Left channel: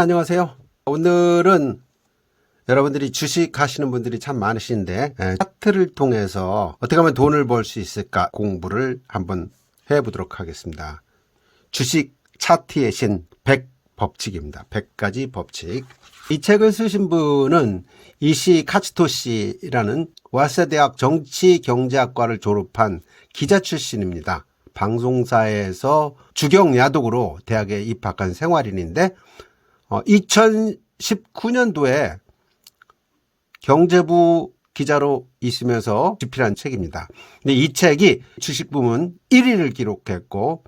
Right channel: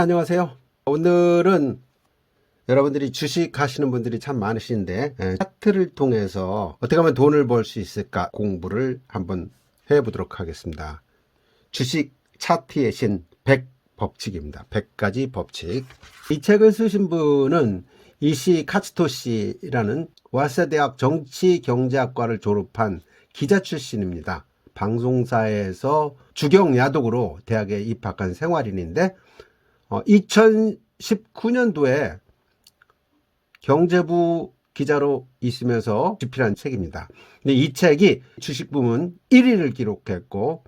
안녕하세요. 오늘은 여러분들이 주식 하시는 분들이 참 많으신데 차트를 통해서 어떻게 하면 돈을 벌 수 있을까 공부를 한번 해보도록 하겠습니다. 주식 차트의 신 100법칙입니다. 100가지 법칙. 이 책을 쓰신 분은 이시 카츠토시라는 와세대학 정치경제학과를 졸업한 기자 출신입니다. 방송사에서 주경야독으로 대학에 입학한 생활인인데 2019년도에 경제부 기자로 있으면서 집필한 책입니다. 근데 이 책이 주식 부문 1위를 기록했고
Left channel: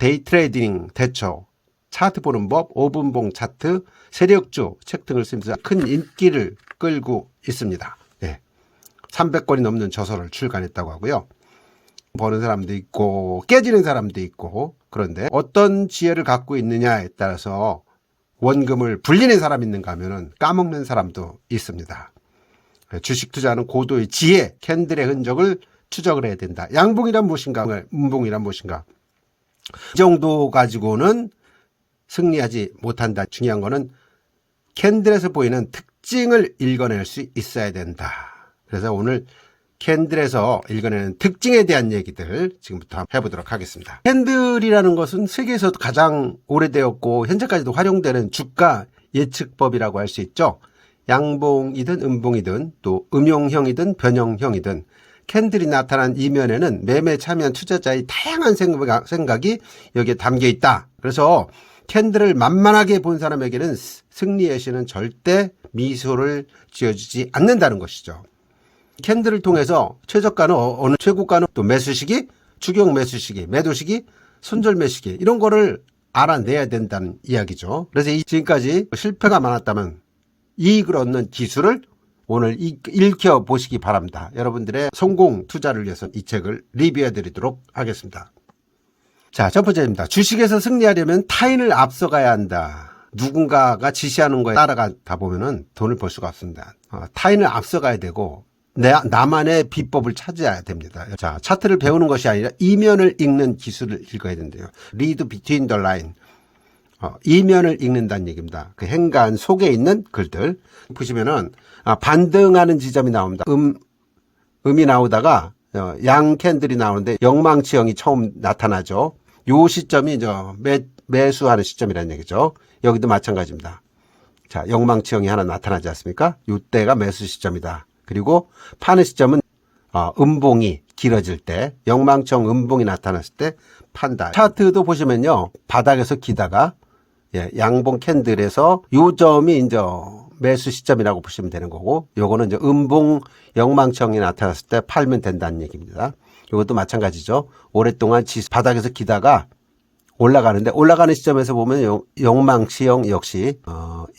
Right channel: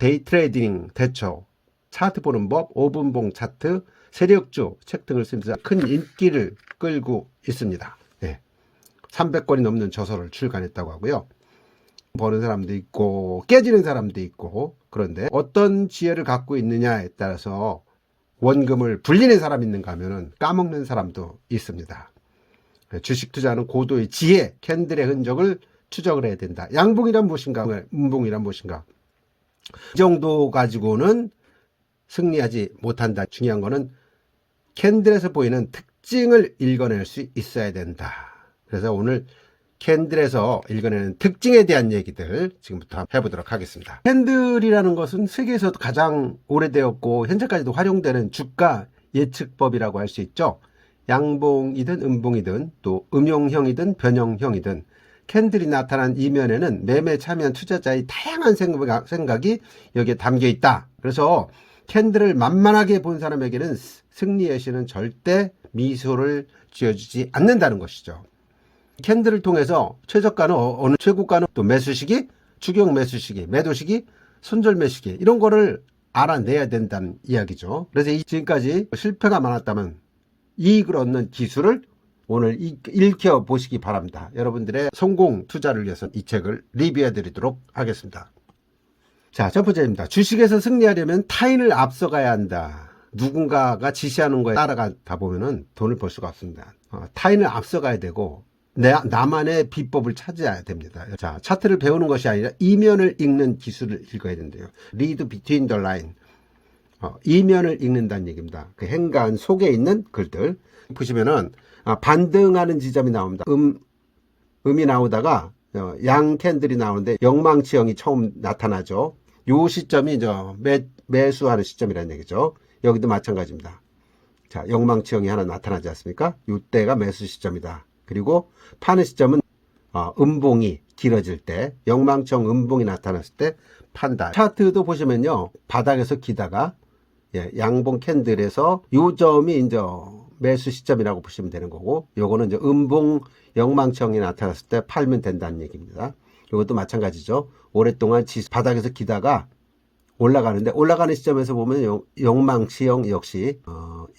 데이 트레이딩 대처, 차트 보는 법, 5분봉 차트, 세력주 책 등을 쓰면서 큰 인기를 끌고 있습니다. 300권이 넘는 저서를 출간했다고 하고요. 버는 사람도 있고 깨지는 사람도 있고, 그런데 어떤 지혜를 갖고 있느냐에 따라서 원금을 불리는 사람이 있는가 하면 까먹는 사람도 있습니다. 주식 투자는 고도의 지혜, 캔들의 흔적을 추적을 해야 된다. 양봉이란 무엇인가, 음봉이란 무엇인가. 이 정도 가지고는 승리하지 못한다. 중요한 거는 캔들에서 보이는 특징을 읽어낼 수 있어야 된다. 그래서 오늘 캔들에서 읽어내는 특징에 대한 얘기들 지금부터 해보도록 하겠습니다. 캔들이라는 것은 세계에서도 가장 오래되었고 현재까지도 활용되는 주가 예측법이라고 할 수 있죠. 양봉이든 음봉이든 또 음용형이든 변형형이든 캔들이 나타난 이면에는 매매에 참여한 투자자의 다양한 생각이 여기에 담겨 있다. 그래서 캔들을 만만하게 본 사람에게는 승리의 신은 절대 미소를 지어주지 않는다는 것이죠. 캔들을 통해서 최저가는 어느, 최고가는 또 매수시기, 추경 매수시기, 매도시기, 손절 매수시기, 이런 거를 알아내야 된다는 이야기죠. 그래서 지금까지 실패가 많았다면 이익을 얻는 기술을 오늘 읽혀보시기 바랍니다. 여러분들의 성공 투자를 위해서 이 책을 리뷰해 드리도록 하겠습니다. 자, 첫 번째입니다. 주식에서 승리하려면 타인을 앞서가야 한다. 누군가가 지시하는 거에 따라가다 보면은 돈을 벌 수가 없습니다. 타인을 앞서가야 되고 나만의 비법을 찾아야 됩니다. 자, 차트를 배우는 것이 아니라 이면을 읽는 기술을 읽어야 된대요. Read between the line. 이면을 읽는다는 얘기입니다. 그 행간 속에 있는 글들 보시면은 반등하는 지점이 나옵니다. 음이 나오다가 양 캔들이 나오는데 영망치형이 처음 나타나죠. 요 시점이 매수하는 시점이라는 얘기죠. 여기도 마찬가지입니다. 자, 영망치형이 하나 나타나지 않습니까? 이때가 매수 시점이다. 그리고 파는 시점은 음봉이 길어질 때, 영망청 음봉이 나타났을 때 판다. 차트도 보시면요, 바닥에서 기다가 양봉 캔들에서 요 점이 이제 매수 시점이라고 보시면 되는 거고, 요거는 이제 음봉 영망청이 나타났을 때 팔면 된다는 얘기입니다. 이것도 마찬가지죠. 오랫동안 바닥에서 기다가 올라가는데 올라가는 시점에서 보면 영망치형 역시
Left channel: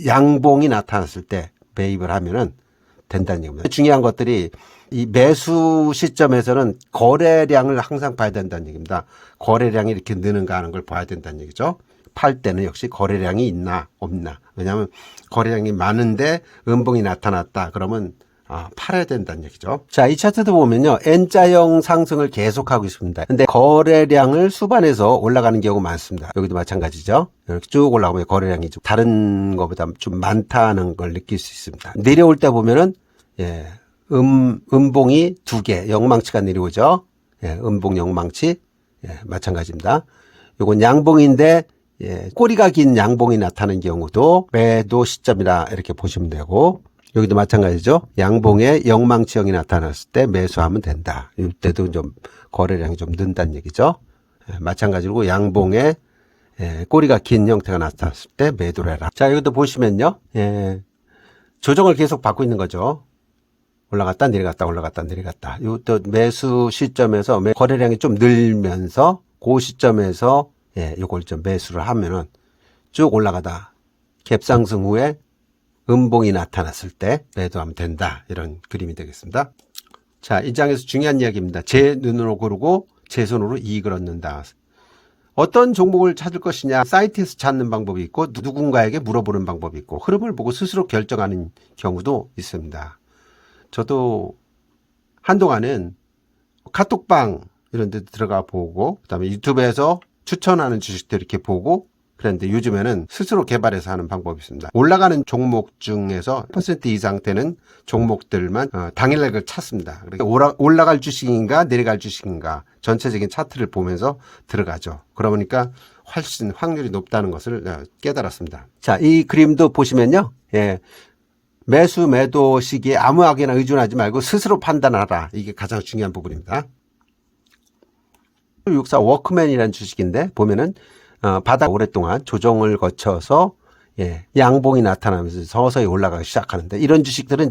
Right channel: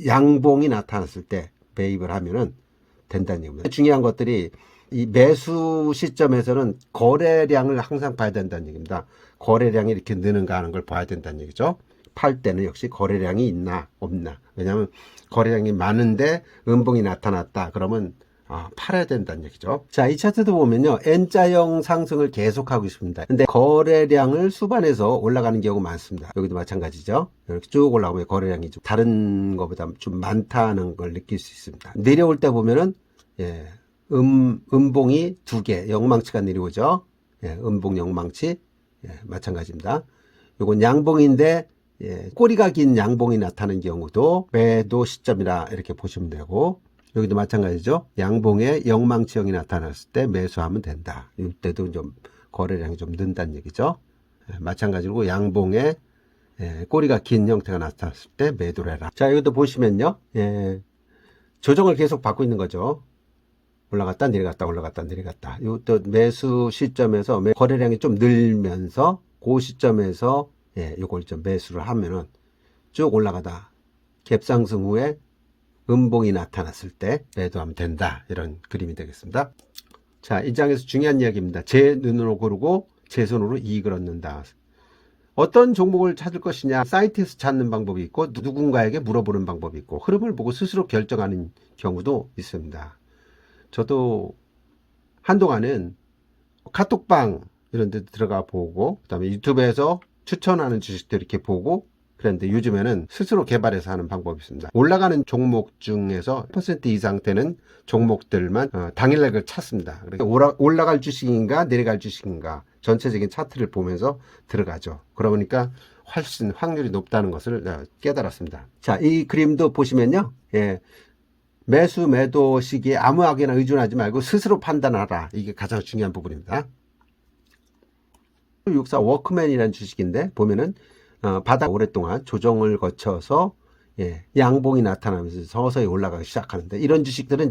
양봉이 나타났을 때 매입을 하면은 된다는 얘기입니다. 중요한 것들이 이 매수 시점에서는 거래량을 항상 봐야 된다는 얘기입니다. 거래량이 이렇게 느는가 하는 걸 봐야 된다는 얘기죠. 팔 때는 역시 거래량이 있나 없나. 왜냐하면 거래량이 많은데 음봉이 나타났다. 그러면 팔아야 된다는 얘기죠. 자, 이 차트도 보면요, N자형 상승을 계속하고 있습니다. 근데 거래량을 수반해서 올라가는 경우가 많습니다. 여기도 마찬가지죠. 이렇게 쭉 올라가면 거래량이 좀 다른 것보다 좀 많다는 걸 느낄 수 있습니다. 내려올 때 보면은 음봉이 두 개, 영망치가 내려오죠. 음봉 영망치 마찬가지입니다. 요건 양봉인데 꼬리가 긴 양봉이 나타나는 경우도 매도 시점이라 이렇게 보시면 되고, 여기도 마찬가지죠. 양봉에 영망치형이 나타났을 때 매수하면 된다. 이때도 좀 거래량이 좀 는다는 얘기죠. 마찬가지로 양봉에 꼬리가 긴 형태가 나타났을 때 매도를 해라. 자, 여기도 보시면요, 조정을 계속 받고 있는 거죠. 올라갔다 내려갔다 올라갔다 내려갔다. 이것도 매수 시점에서 거래량이 좀 늘면서 그 시점에서 이걸 좀 매수를 하면은 쭉 올라가다 갭상승 후에 음봉이 나타났을 때 매도하면 된다. 이런 그림이 되겠습니다. 자, 이 장에서 중요한 이야기입니다. 제 눈으로 고르고 제 손으로 이익을 얻는다. 어떤 종목을 찾을 것이냐, 사이트에서 찾는 방법이 있고 누군가에게 물어보는 방법이 있고 흐름을 보고 스스로 결정하는 경우도 있습니다. 저도 한동안은 카톡방 이런 데 들어가 보고, 그 다음에 유튜브에서 추천하는 주식들 이렇게 보고, 그런데 요즘에는 스스로 개발해서 하는 방법이 있습니다. 올라가는 종목 중에서 퍼센트 이상 되는 종목들만 당일날을 찾습니다. 그러니까 올라갈 주식인가 내려갈 주식인가 전체적인 차트를 보면서 들어가죠. 그러니까 훨씬 확률이 높다는 것을 깨달았습니다. 자, 이 그림도 보시면요. 예. 매수 매도 시기에 아무에게나 의존하지 말고 스스로 판단하라. 이게 가장 중요한 부분입니다. 64 워크맨이라는 주식인데 보면은 바닥 오랫동안 조정을 거쳐서 양봉이 나타나면서 서서히 올라가기 시작하는데, 이런 주식들은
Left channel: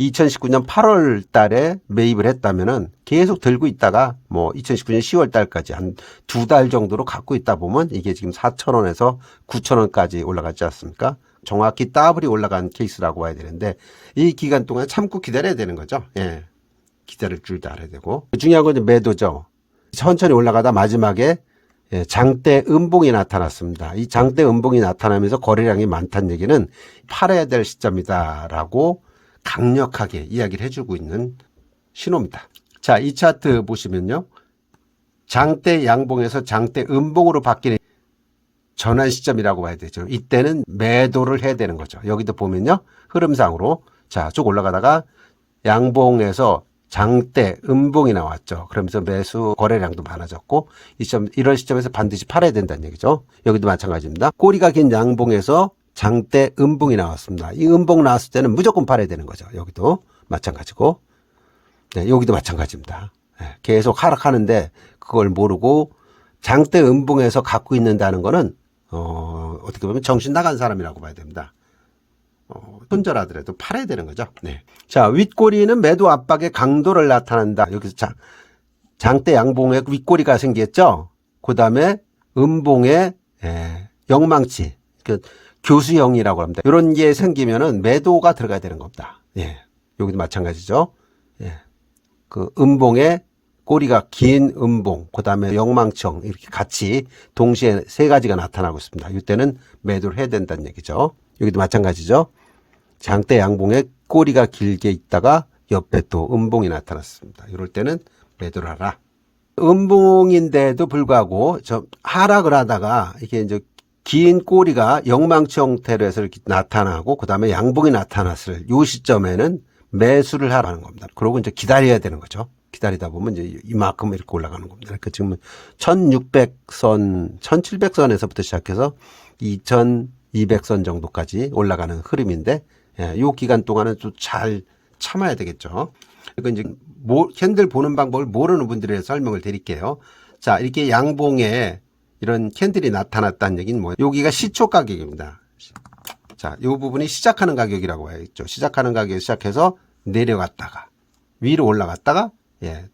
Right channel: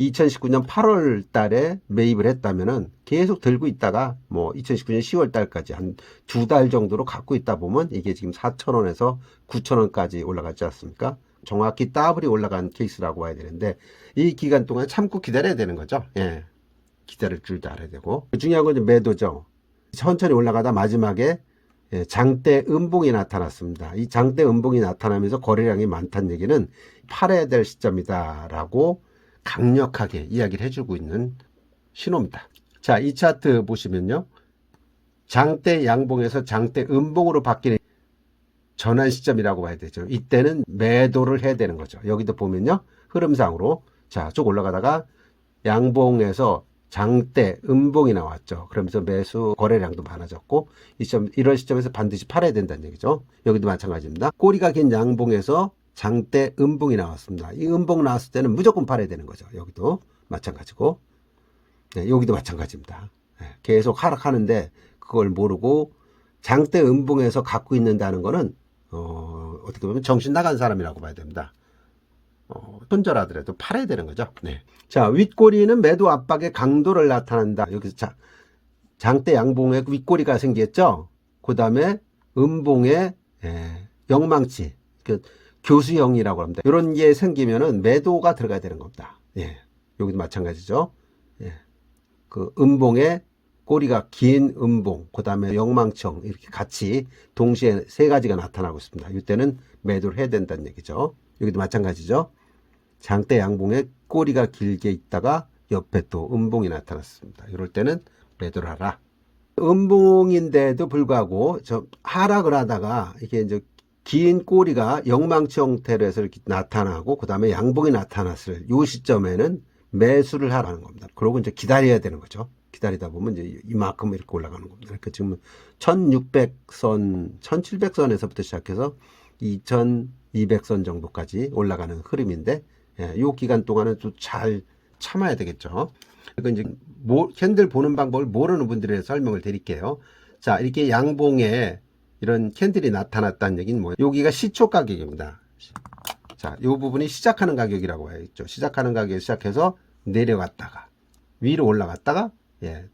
2019년 8월 달에 매입을 했다면은 계속 들고 있다가 2019년 10월 달까지 한 2달 정도로 갖고 있다 보면 이게 지금 4,000원에서 9,000원까지 올라갔지 않습니까? 정확히 더블이 올라간 케이스라고 봐야 되는데, 이 기간 동안 참고 기다려야 되는 거죠. 기다릴 줄도 알아야 되고. 중요한 건 매도죠. 천천히 올라가다 마지막에 장대 음봉이 나타났습니다. 이 장대 음봉이 나타나면서 거래량이 많다는 얘기는 팔아야 될 시점이다라고 강력하게 이야기를 해주고 있는 신호입니다. 자, 이 차트 보시면요. 장대 양봉에서 장대 음봉으로 바뀌는 전환 시점이라고 봐야 되죠. 이때는 매도를 해야 되는 거죠. 여기도 보면요. 흐름상으로 자, 쭉 올라가다가 양봉에서 장대 음봉이 나왔죠. 그러면서 매수 거래량도 많아졌고 이런 시점에서 반드시 팔아야 된다는 얘기죠. 여기도 마찬가지입니다. 꼬리가 긴 양봉에서 장대 음봉이 나왔습니다. 이 음봉 나왔을 때는 무조건 팔아야 되는 거죠. 여기도 마찬가지고, 여기도 마찬가지입니다. 계속 하락하는데 그걸 모르고 장대 음봉에서 갖고 있는다는 거는 어떻게 보면 정신 나간 사람이라고 봐야 됩니다. 손절하더라도 팔아야 되는 거죠. 자, 윗꼬리는 매도 압박의 강도를 나타낸다. 여기서 장대 양봉에 윗꼬리가 생겼죠. 그 다음에 음봉에 영망치, 교수형이라고 합니다. 이런 게 생기면은 매도가 들어가야 되는 겁니다. 여기도 마찬가지죠. 그 음봉에 꼬리가 긴 음봉, 그 다음에 영망청 이렇게 같이 동시에 세 가지가 나타나고 있습니다. 이때는 매도를 해야 된다는 얘기죠. 여기도 마찬가지죠. 장대 양봉에 꼬리가 길게 있다가 옆에 또 음봉이 나타났습니다. 이럴 때는 매도를 하라. 음봉인데도 불구하고 하락을 하다가 이게 이제 긴 꼬리가 영망치 형태로 해서 이렇게 나타나고 그 다음에 양봉이 나타났을 이 시점에는 매수를 하라는 겁니다. 그러고 이제 기다려야 되는 거죠. 기다리다 보면 이제 이만큼 이렇게 올라가는 겁니다. 그러니까 지금 1600선, 1700선에서부터 시작해서 2200선 정도까지 올라가는 흐름인데, 이 기간 동안은 좀 잘 참아야 되겠죠. 그러니까 이제 캔들 보는 방법을 모르는 분들에 설명을 드릴게요. 자, 이렇게 양봉에 이런 캔들이 나타났다는 얘기는 뭐예요? 여기가 시초 가격입니다. 자, 이 부분이 시작하는 가격이라고 해야겠죠. 시작하는 가격에 시작해서 내려갔다가 위로 올라갔다가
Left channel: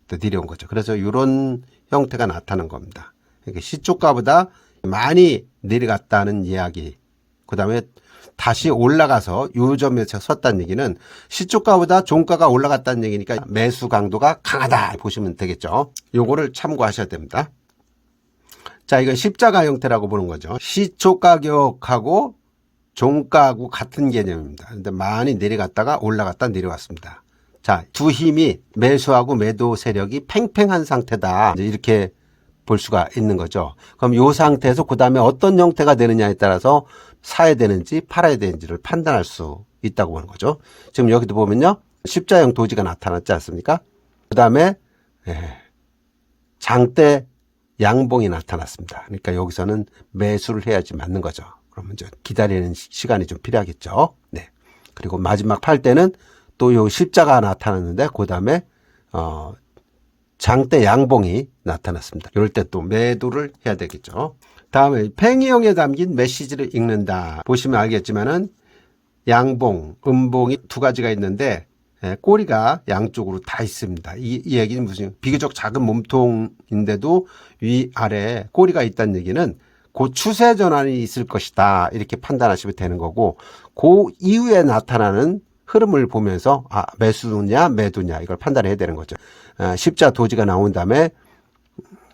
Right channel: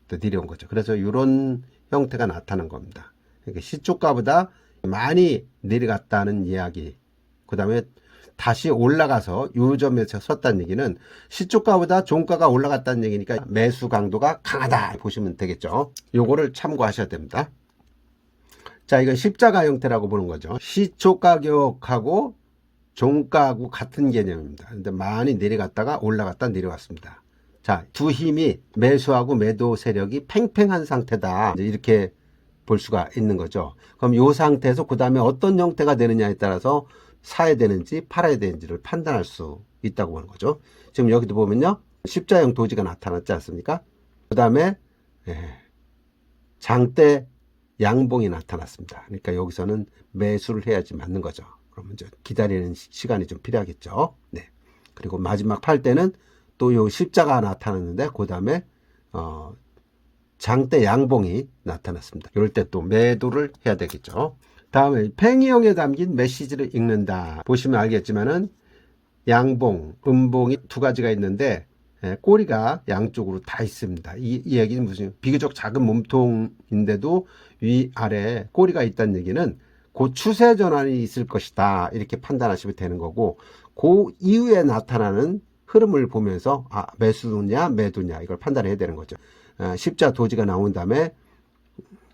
또 내려온 거죠. 그래서 이런 형태가 나타난 겁니다. 그러니까 시초가보다 많이 내려갔다는 이야기. 그 다음에 다시 올라가서 요 점에서 섰다는 얘기는 시초가보다 종가가 올라갔다는 얘기니까 매수 강도가 강하다 보시면 되겠죠. 요거를 참고하셔야 됩니다. 자, 이건 십자가 형태라고 보는 거죠. 시초 가격하고 종가하고 같은 개념입니다. 근데 많이 내려갔다가 올라갔다 내려왔습니다. 자, 두 힘이 매수하고 매도 세력이 팽팽한 상태다. 이렇게 볼 수가 있는 거죠. 그럼 이 상태에서 그 다음에 어떤 형태가 되느냐에 따라서 사야 되는지 팔아야 되는지를 판단할 수 있다고 보는 거죠. 지금 여기도 보면요. 십자형 도지가 나타났지 않습니까? 그 다음에 장대 양봉이 나타났습니다. 그러니까 여기서는 매수를 해야지 맞는 거죠. 그러면 이제 기다리는 시간이 좀 필요하겠죠. 그리고 마지막 팔 때는 또 요 십자가 나타났는데 그 다음에 장대 양봉이 나타났습니다. 이럴 때 또 매도를 해야 되겠죠. 다음에 팽이형에 담긴 메시지를 읽는다. 보시면 알겠지만은 양봉, 음봉이 두 가지가 있는데 꼬리가 양쪽으로 다 있습니다. 이 얘기는 무슨 비교적 작은 몸통인데도 위아래에 꼬리가 있다는 얘기는 그 추세 전환이 있을 것이다. 이렇게 판단하시면 되는 거고, 그 이후에 나타나는 흐름을 보면서 매수냐 매도냐 이걸 판단해야 되는 거죠. 십자 도지가 나온 다음에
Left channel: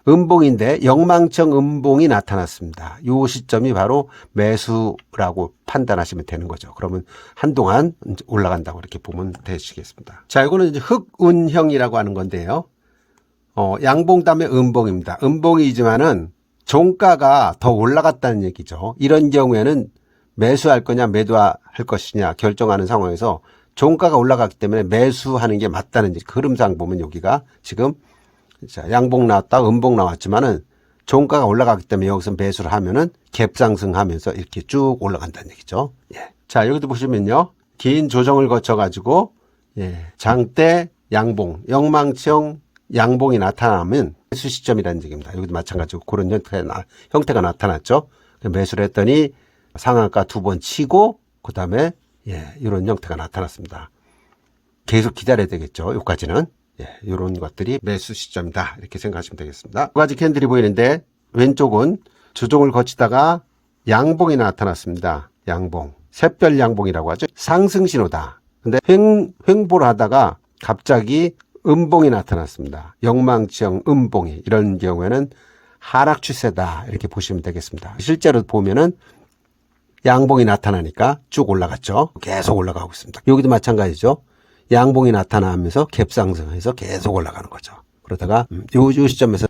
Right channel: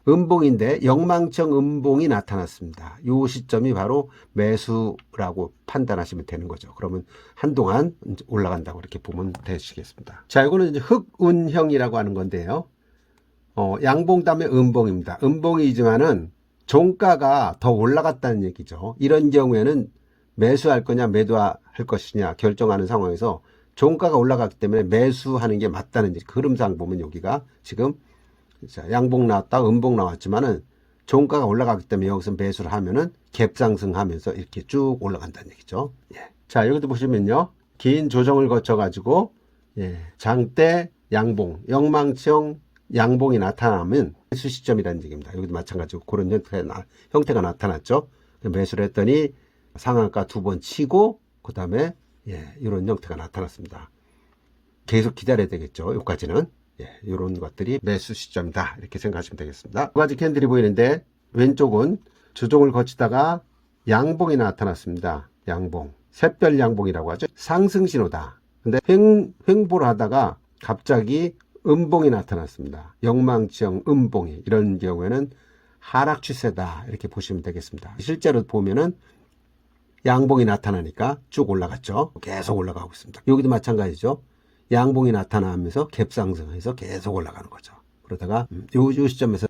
음봉인데 영망청 음봉이 나타났습니다. 이 시점이 바로 매수라고 판단하시면 되는 거죠. 그러면 한동안 올라간다고 이렇게 보면 되시겠습니다. 자, 이거는 이제 흑운형이라고 하는 건데요. 양봉 다음에 음봉입니다. 음봉이지만은 종가가 더 올라갔다는 얘기죠. 이런 경우에는 매수할 거냐 매도할 것이냐 결정하는 상황에서 종가가 올라갔기 때문에 매수하는 게 맞다는 그 흐름상 보면 여기가 지금 양봉 나왔다 음봉 나왔지만은 종가가 올라갔기 때문에 여기서 매수를 하면은 갭 상승하면서 이렇게 쭉 올라간다는 얘기죠. 예. 자, 여기도 보시면요. 긴 조정을 거쳐 가지고 장대 양봉, 영망치형 양봉이 나타나면 매수 시점이라는 얘기입니다. 여기도 마찬가지로 그런 형태가 나타났죠. 매수를 했더니 상한가 2번 치고 그다음에 이런 형태가 나타났습니다. 계속 기다려야 되겠죠. 여기까지는. 이런 것들이 매수 시점이다. 이렇게 생각하시면 되겠습니다. 두 가지 캔들이 보이는데 왼쪽은 조정을 거치다가 양봉이 나타났습니다. 양봉. 샛별 양봉이라고 하죠. 상승 신호다. 근데 횡보를 하다가 갑자기 음봉이 나타났습니다. 영망치형 음봉이. 이런 경우에는 하락 추세다. 이렇게 보시면 되겠습니다. 실제로 보면은 양봉이 나타나니까 쭉 올라갔죠. 계속 올라가고 있습니다. 여기도 마찬가지죠. 양봉이 나타나면서 갭 상승해서 계속 올라가는 거죠. 그러다가 요 시점에서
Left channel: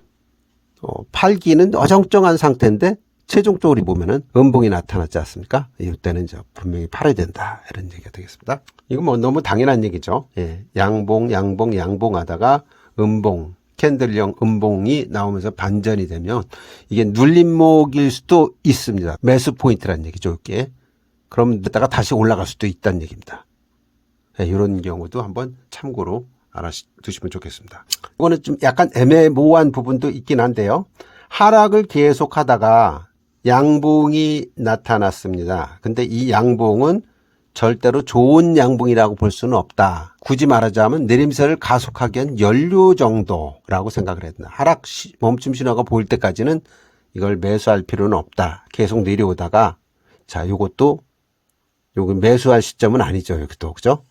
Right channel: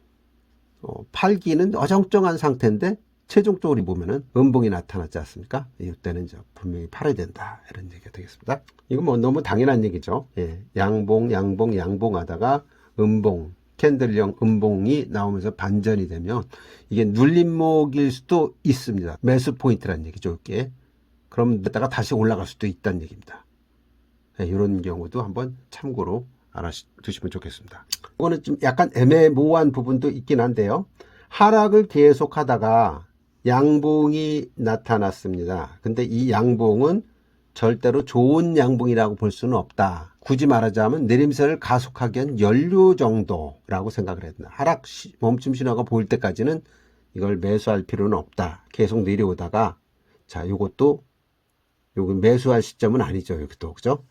팔기는 어정쩡한 상태인데 최종적으로 보면은 음봉이 나타났지 않습니까? 이때는 이제 분명히 팔아야 된다. 이런 얘기가 되겠습니다. 이건 뭐 너무 당연한 얘기죠. 양봉 하다가 음봉, 캔들형 음봉이 나오면서 반전이 되면 이게 눌림목일 수도 있습니다. 매수 포인트라는 얘기죠. 이게. 그럼 이따가 다시 올라갈 수도 있다는 얘기입니다. 이런 경우도 한번 참고로 알아두시면 좋겠습니다. 이거는 좀 약간 애매모호한 부분도 있긴 한데요. 하락을 계속 하다가 양봉이 나타났습니다. 근데 이 양봉은 절대로 좋은 양봉이라고 볼 수는 없다. 굳이 말하자면 내림세를 가속하기 위한 연료 정도라고 생각을 했다. 하락 멈춤 신호가 보일 때까지는 이걸 매수할 필요는 없다. 계속 내려오다가 자, 요것도 요거 매수할 시점은 아니죠. 여기도 그죠?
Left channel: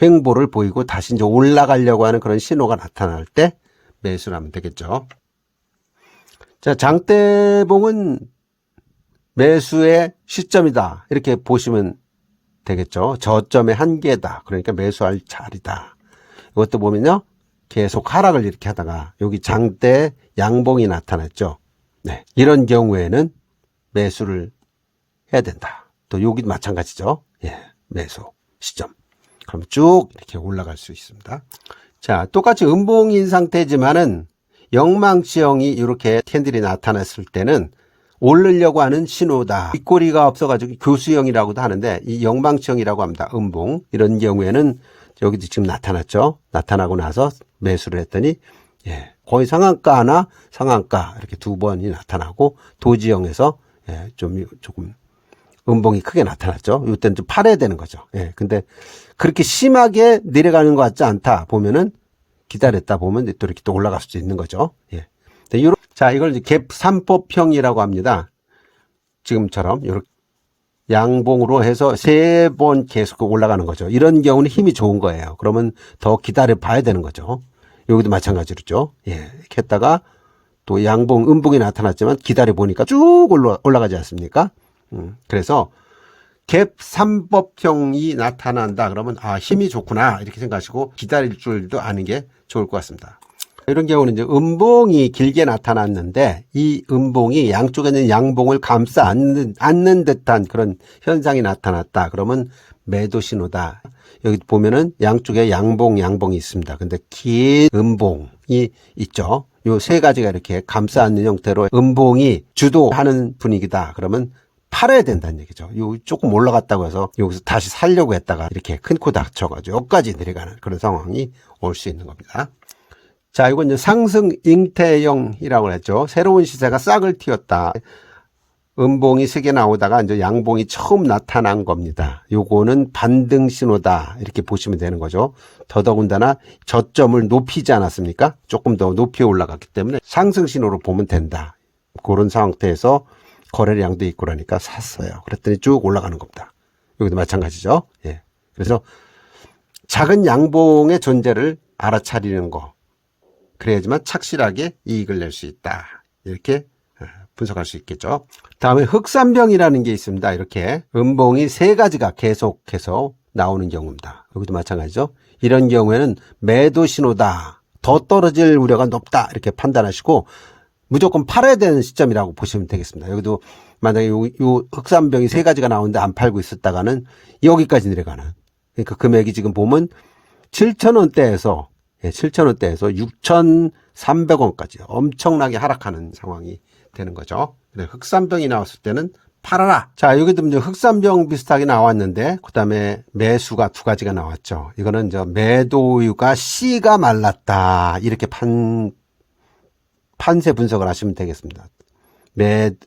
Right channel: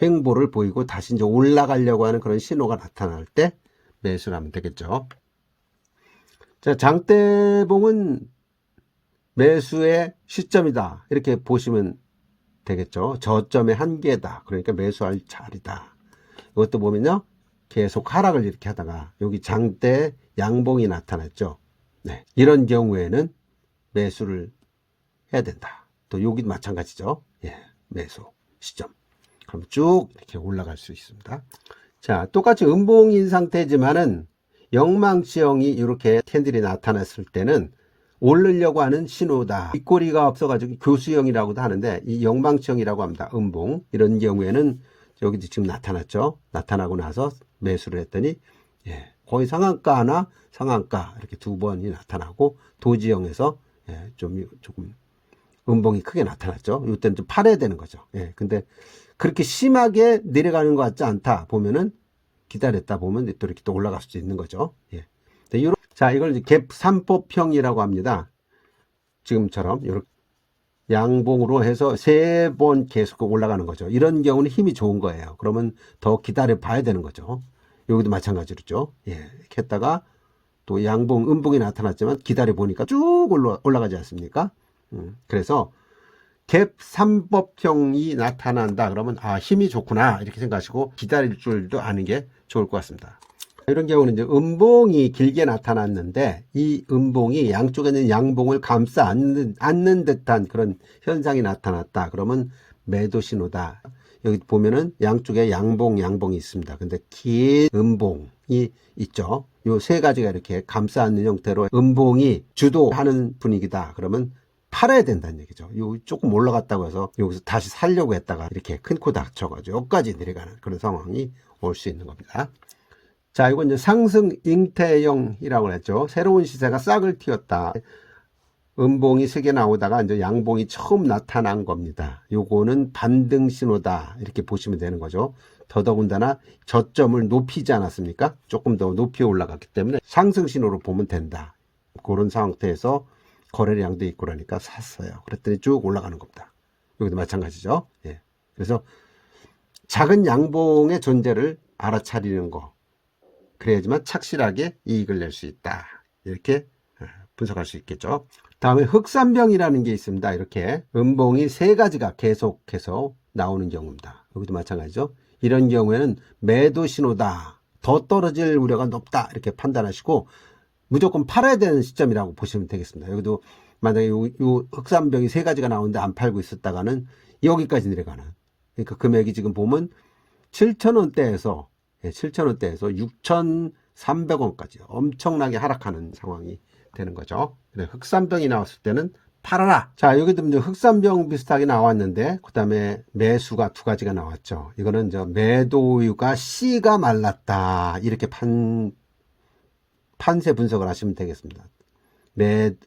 횡보를 보이고 다시 이제 올라가려고 하는 그런 신호가 나타날 때 매수를 하면 되겠죠. 자, 장대봉은 매수의 시점이다. 이렇게 보시면 되겠죠. 저점의 한계다. 그러니까 매수할 자리다. 이것도 보면요. 계속 하락을 이렇게 하다가 여기 장대 양봉이 나타났죠. 이런 경우에는 매수를 해야 된다. 또 여기도 마찬가지죠. 매수 시점. 그럼 쭉 이렇게 올라갈 수 있습니다. 자, 똑같이 음봉인 상태지만은 영망치형이 이렇게 캔들이 나타났을 때는 오르려고 하는 신호다. 윗꼬리가 없어가지고 교수형이라고도 하는데 이 영망치형이라고 합니다. 음봉. 이런 경우에는 여기도 지금 나타났죠. 나타나고 나서 매수를 했더니 거의 상한가 하나 상한가 이렇게 두 번이 나타나고 도지형에서 조금 음봉이 크게 나타났죠. 이때는 좀 팔아야 되는 거죠. 근데 그렇게 심하게 내려가는 것 같지 않다 보면은 기다렸다 보면 또 이렇게 또 올라갈 수도 있는 거죠. 자, 이걸 이제 갭 3법형이라고 합니다. 지금처럼 이렇게 양봉으로 해서 3번 계속 올라가는 거죠. 이런 경우는 힘이 좋은 거예요. 그러면 더 기다려 봐야 되는 거죠. 여기도 마찬가지로죠. 이렇게 했다가 또 양봉, 음봉이 나타났지만 기다려 보니까 쭉 올라가지 않습니까? 그래서 갭 3법형이 나타난다. 그러면 힘이 좋구나. 이렇게 생각하시고 기다릴 줄도 아는 게 좋을 것 같습니다. 이런 경우는 이제 음봉이 길게 나타났는데 이 음봉이 양쪽에 있는 양봉을 감싸 안는 듯한 그런 현상이 나타났다. 그러면 매도 신호다. 여기 보면은 양쪽에 양봉이 있습니다. 근데 긴 음봉이 있죠. 요 세 가지가 이렇게 감싸 안는 형태로 음봉이 주도하는 분위기다. 그러면 팔아야 된다는 얘기죠. 요 조금 올라갔다고 해서 여기서 다시 살려고 했다가 이렇게 큰 코 다쳐가지고 여기까지 내려가는 그런 상황이 올 수 있는 겁니다. 자, 이건 이제 상승 잉태형이라고 했죠. 새로운 시세가 싹을 틔웠다. 음봉이 3개 나오다가 이제 양봉이 처음 나타난 겁니다. 요거는 반등 신호다. 이렇게 보시면 되는 거죠. 더더군다나 저점을 높이지 않았습니까? 조금 더 높이 올라갔기 때문에 상승 신호로 보면 된다. 그런 상태에서 거래량도 있고 그러니까 샀어요. 그랬더니 쭉 올라가는 겁니다. 여기도 마찬가지죠. 그래서 작은 양봉의 존재를 알아차리는 거. 그래야지만 착실하게 이익을 낼 수 있다. 이렇게 분석할 수 있겠죠. 다음에 흑산병이라는 게 있습니다. 이렇게 음봉이 3가지가 계속해서 나오는 경우입니다. 여기도 마찬가지죠. 이런 경우에는 매도 신호다. 더 떨어질 우려가 높다. 이렇게 판단하시고 무조건 팔아야 되는 시점이라고 보시면 되겠습니다. 여기도 만약에 요 흑산병이 세 가지가 나오는데 안 팔고 있었다가는 여기까지 내려가는. 그러니까 금액이 지금 보면 7,000원대에서 6,300원까지 엄청나게 하락하는 상황이 되는 거죠. 흑산병이 나왔을 때는 팔아라. 자, 여기도 이제 흑산병 비슷하게 나왔는데, 그 다음에 매수가 두 가지가 나왔죠. 이거는 매도유가 씨가 말랐다. 이렇게 판세 분석을 하시면 되겠습니다.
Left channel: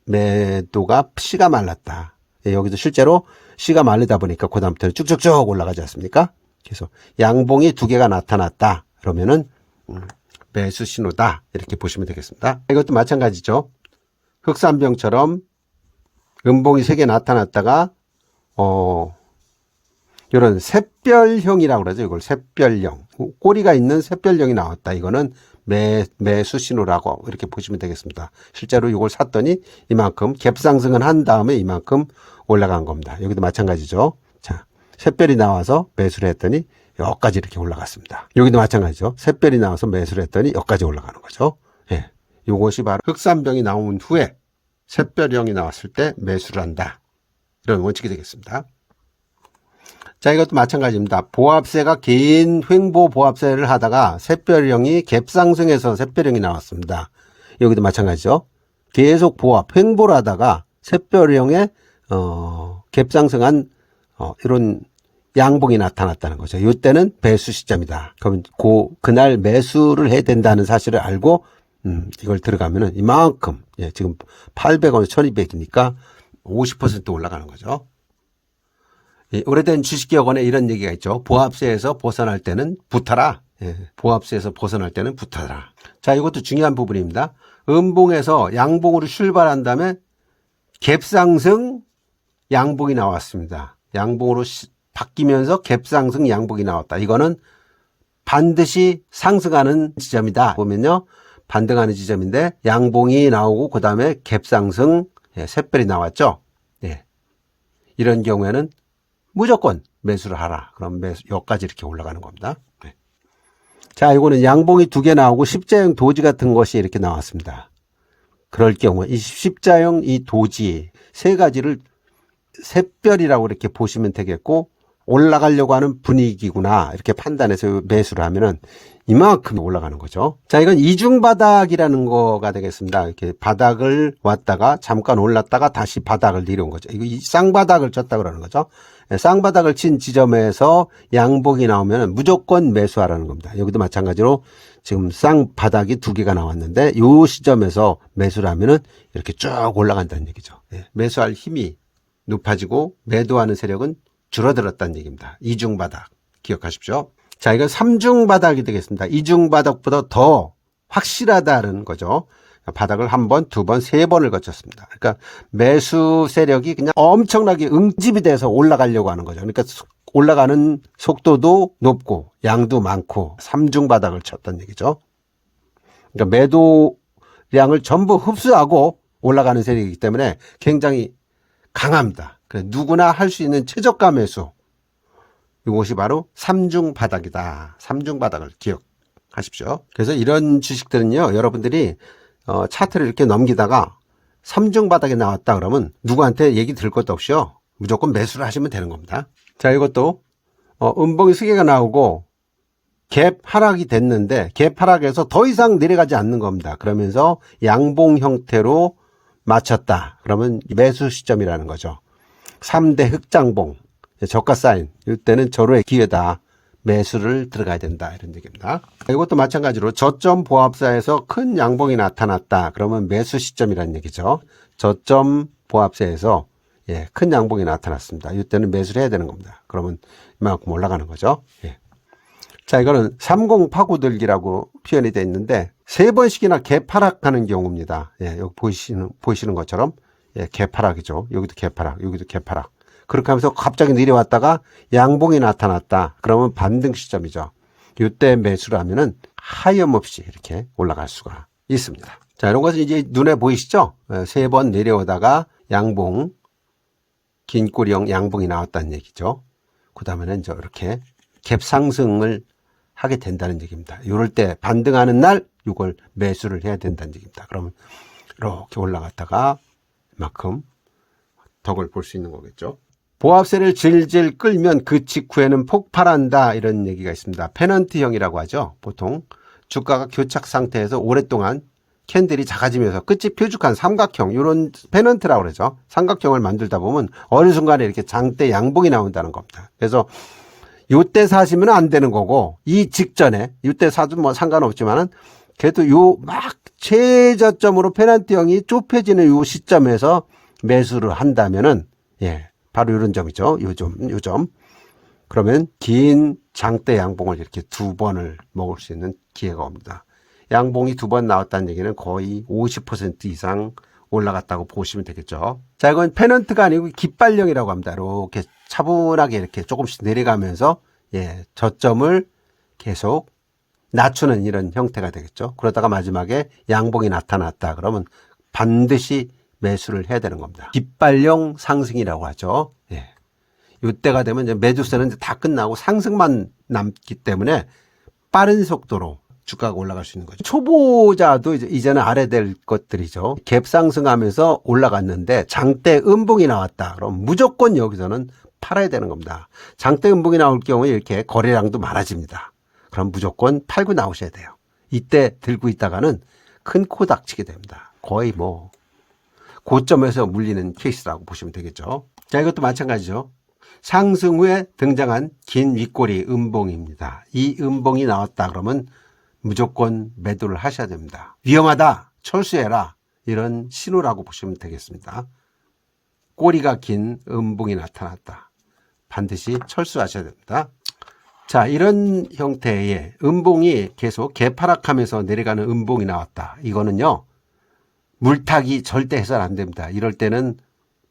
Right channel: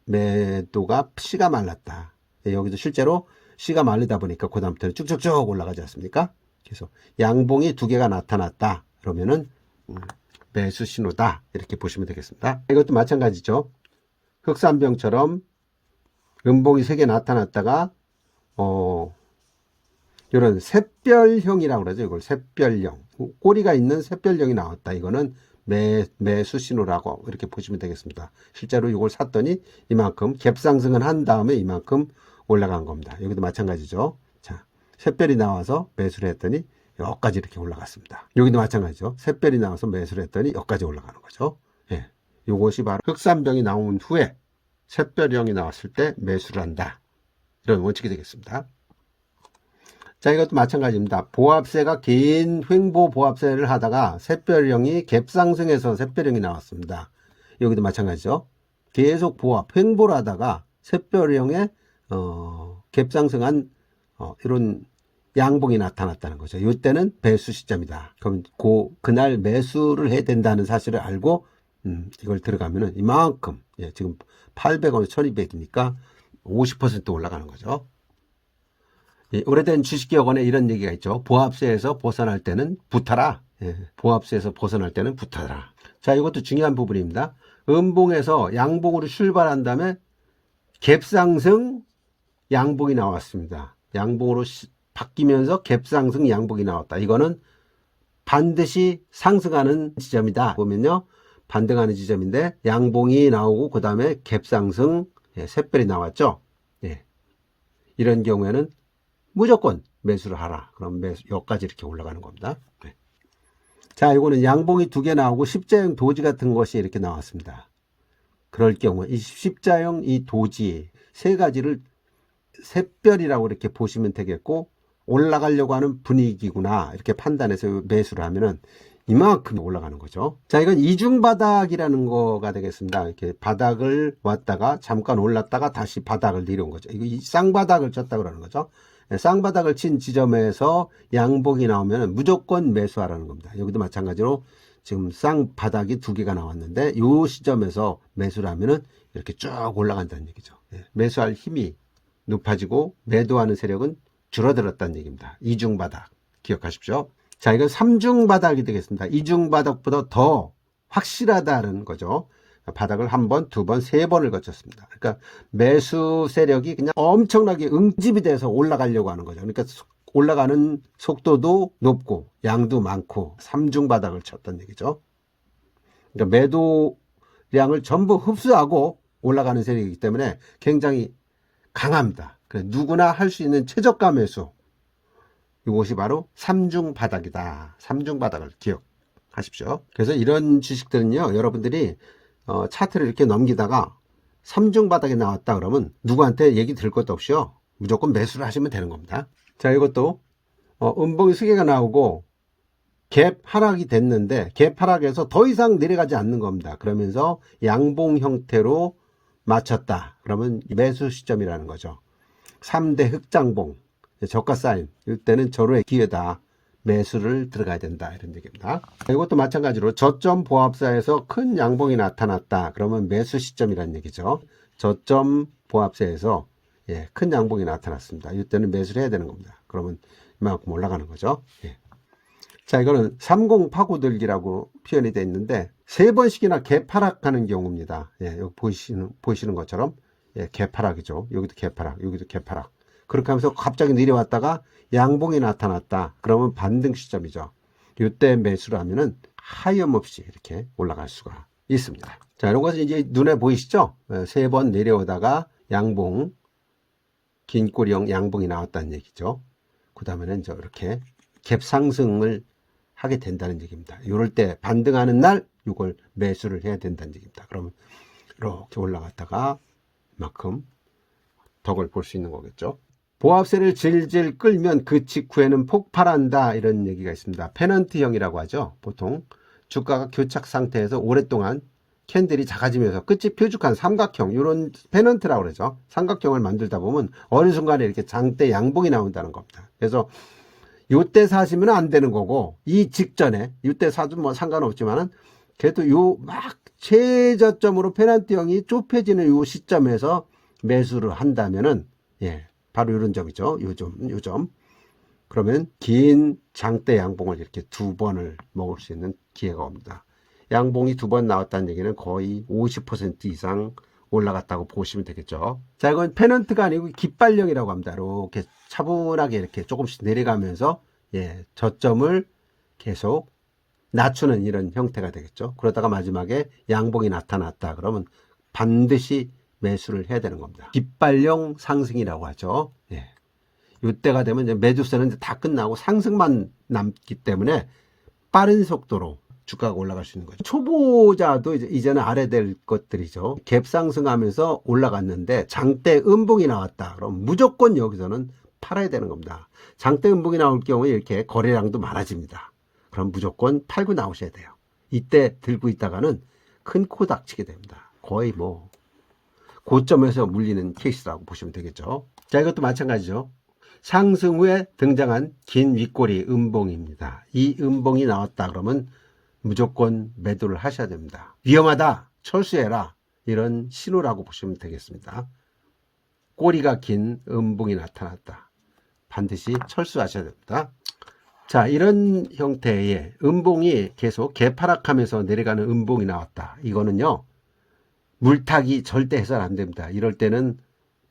매도가 씨가 말랐다. 여기도 실제로 씨가 말리다 보니까 그 다음부터는 쭉쭉쭉 올라가지 않습니까? 그래서 양봉이 두 개가 나타났다. 그러면은 매수 신호다. 이렇게 보시면 되겠습니다. 이것도 마찬가지죠. 흑산병처럼 음봉이 세 개 나타났다가 이런 샛별형이라고 그러죠. 이걸 샛별형. 꼬리가 있는 샛별형이 나왔다. 이거는 매수 신호라고 이렇게 보시면 되겠습니다. 실제로 이걸 샀더니 이만큼 갭상승은 한 다음에 이만큼 올라간 겁니다. 여기도 마찬가지죠. 자, 샛별이 나와서 매수를 했더니 여기까지 이렇게 올라갔습니다. 여기도 마찬가지죠. 샛별이 나와서 매수를 했더니 여기까지 올라가는 거죠. 예. 이것이 바로 흑산병이 나온 후에 샛별형이 나왔을 때 매수를 한다. 이런 원칙이 되겠습니다. 자, 이것도 마찬가지입니다. 보합세가 긴 횡보 보합세를 하다가 샛별형이 갭상승해서 샛별형이 나왔습니다. 여기도 마찬가지죠. 계속 보합, 횡보를 하다가 샛별형의 갭상승한 이런 양봉이 나타났다는 거죠. 이때는 매수 시점이다. 그러면 그날 매수를 해야 된다는 사실을 알고 이걸 들어가면은 이만큼, 지금 800원, 1200이니까 50% 올라가는 거죠. 오래된 주식기억원에 이런 얘기가 있죠. 보합세에서 벗어날 때는 붙어라. 보합세에서 벗어날 때는 붙어라. 자, 이것도 중요한 부분입니다. 음봉에서 양봉으로 출발한 다음에 갭상승 양봉이 나왔습니다. 양봉으로 바뀌면서 갭상승 양봉이 나왔다. 이거는 반드시 상승하는 지점이다. 보면요. 반등하는 지점인데 양봉이 나오고 그 다음에 갭상승 샛별이 나왔죠. 이런 경우에는 무조건 매수를 하라. 그럼 여기까지 이렇게 올라가는 겁니다. 자, 이거는 양봉이 두 개 나오고 십자형 도지 같은 것이 이렇게 나왔습니다. 그럴 경우 이 십자형 이 도지 세 가지를 샛별이라고 이렇게 보시면 되겠고, 올라가려고 하는 분위기구나 이렇게 판단해서 매수를 하면은 이만큼 올라가는 거죠. 자, 이건 이중바닥이라는 거가 되겠습니다. 이렇게 바닥을 왔다가 잠깐 올랐다가 다시 바닥을 내려온 거죠. 이거 쌍바닥을 쳤다 그러는 거죠. 쌍바닥을 친 지점에서 양봉이 나오면 무조건 매수하라는 겁니다. 여기도 마찬가지로 지금 쌍바닥이 두 개가 나왔는데 이 시점에서 매수를 하면은 이렇게 쭉 올라간다는 얘기죠. 매수할 힘이 높아지고 매도하는 세력은 줄어들었다는 얘기입니다. 이중바닥 기억하십시오. 자, 이건 삼중바닥이 되겠습니다. 이중바닥보다 더 확실하다는 거죠. 바닥을 한 번, 두 번, 세 번을 거쳤습니다. 그러니까 매수 세력이 그냥 엄청나게 응집이 돼서 올라가려고 하는 거죠. 그러니까 올라가는 속도도 높고 양도 많고 삼중바닥을 쳤다는 얘기죠. 그러니까 매도량을 전부 흡수하고 올라가는 세력이기 때문에 굉장히 강합니다. 누구나 할 수 있는 최저가 매수. 이것이 바로 삼중바닥이다. 삼중바닥을 기억하십시오. 그래서 이런 주식들은요, 여러분들이 차트를 이렇게 넘기다가 삼중바닥이 나왔다 그러면 누구한테 얘기 들을 것도 없이요, 무조건 매수를 하시면 되는 겁니다. 자, 이것도 음봉이 세 개가 나오고 갭 하락이 됐는데 갭 하락에서 더 이상 내려가지 않는 겁니다. 그러면서 양봉 형태로 맞췄다. 그러면 매수 시점이라는 거죠. 3대 흑장봉, 저가 사인, 이때는 절호의 기회다. 매수를 들어가야 된다. 이런 얘기입니다. 이것도 마찬가지로 저점 보합사에서 큰 양봉이 나타났다. 그러면 매수 시점이라는 얘기죠. 저점 보합사에서 큰 양봉이 나타났습니다. 이때는 매수를 해야 되는 겁니다. 그러면 이만큼 올라가는 거죠. 자, 이거는 30 파고들기라고 표현이 되어 있는데 세 번씩이나 개파락하는 경우입니다. 여기 보이시는 것처럼 개파락이죠. 여기도 개파락, 여기도 개파락. 그렇게 하면서 갑자기 내려왔다가 양봉이 나타났다. 그러면 반등 시점이죠. 이때 매수를 하면은 하염없이 이렇게 올라갈 수가 있습니다. 자, 이런 것은 이제 눈에 보이시죠? 세 번 내려오다가 양봉, 긴 꼬리형 양봉이 나왔다는 얘기죠. 그 다음에는 이렇게 갭 상승을 하게 된다는 얘기입니다. 이럴 때 반등하는 날 이걸 매수를 해야 된다는 얘기입니다. 그러면 이렇게 올라갔다가 이만큼 덕을 볼 수 있는 거겠죠. 보합세를 질질 끌면 그 직후에는 폭발한다, 이런 얘기가 있습니다. 페넌트형이라고 하죠. 보통 주가가 교착 상태에서 오랫동안 캔들이 작아지면서 끝이 뾰족한 삼각형, 이런 페넌트라고 그러죠. 삼각형을 만들다 보면 어느 순간에 이렇게 장대 양봉이 나온다는 겁니다. 그래서 요때 사시면 안 되는 거고, 이 직전에 요때 사도 뭐 상관없지만은 그래도 요 막 최저점으로 페넌트형이 좁혀지는 요 시점에서 매수를 한다면은, 예, 바로 이런 점이죠. 요 점. 그러면 긴 장대 양봉을 이렇게 두 번을 먹을 수 있는 기회가 옵니다. 양봉이 두 번 나왔다는 얘기는 거의 50% 이상 올라갔다고 보시면 되겠죠. 자, 이건 페넌트가 아니고 깃발령이라고 합니다. 이렇게 차분하게 이렇게 조금씩 내려가면서, 예, 저점을 계속 낮추는 이런 형태가 되겠죠. 그러다가 마지막에 양봉이 나타났다 그러면 반드시 매수를 해야 되는 겁니다. 깃발령 상승이라고 하죠. 예. 이때가 되면 이제 매도세는 다 끝나고 상승만 남기 때문에 빠른 속도로 주가가 올라갈 수 있는 거죠. 초보자도 이제는 알아야 될 것들이죠. 갭 상승하면서 올라갔는데 장대 음봉이 나왔다. 그럼 무조건 여기서는 팔아야 되는 겁니다. 장대 음봉이 나올 경우에 이렇게 거래량도 많아집니다. 그럼 무조건 팔고 나오셔야 돼요. 이때 들고 있다가는 큰 코 닥치게 됩니다. 거의 뭐 고점에서 물리는 케이스라고 보시면 되겠죠. 자, 이것도 마찬가지죠. 상승 후에 등장한 긴 윗꼬리 음봉입니다. 이 음봉이 나왔다 그러면 무조건 매도를 하셔야 됩니다. 위험하다, 철수해라, 이런 신호라고 보시면 되겠습니다. 꼬리가 긴 음봉이 나타났다. 반드시 철수하셔야 됩니다. 자, 이런 형태의 음봉이 계속 개파락하면서 내려가는 음봉이 나왔다. 이거는요, 물타기 절대 해서는 안 됩니다. 이럴 때는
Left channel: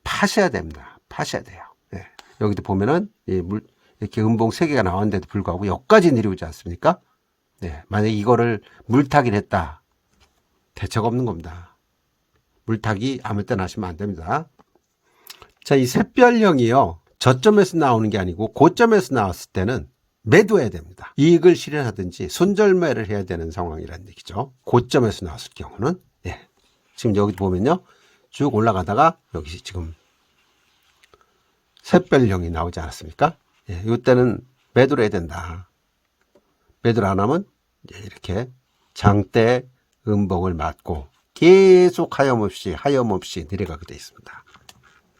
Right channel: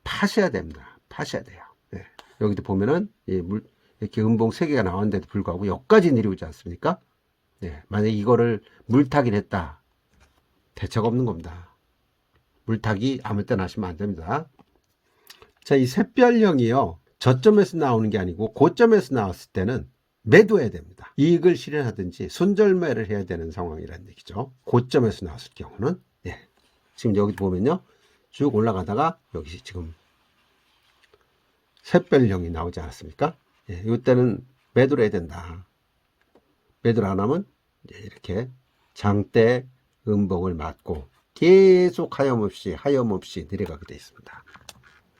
파셔야 됩니다. 파셔야 돼요. 예. 여기도 보면은 이렇게 음봉 3개가 나왔는데도 불구하고 여기까지 내려오지 않습니까? 네. 만약에 이거를 물타기를 했다, 대책 없는 겁니다. 물타기 아무 때나 하시면 안 됩니다. 자, 이 샛별령이요, 저점에서 나오는 게 아니고 고점에서 나왔을 때는 매도해야 됩니다. 이익을 실현하든지 손절매를 해야 되는 상황이라는 얘기죠. 고점에서 나왔을 경우는. 예. 지금 여기 보면요, 쭉 올라가다가 여기 지금 샛별령이 나오지 않았습니까? 예, 이때는 매도를 해야 된다. 매도를 안 하면 이렇게 장대 음봉을 맞고 계속 하염없이 내려가게 되어 있습니다.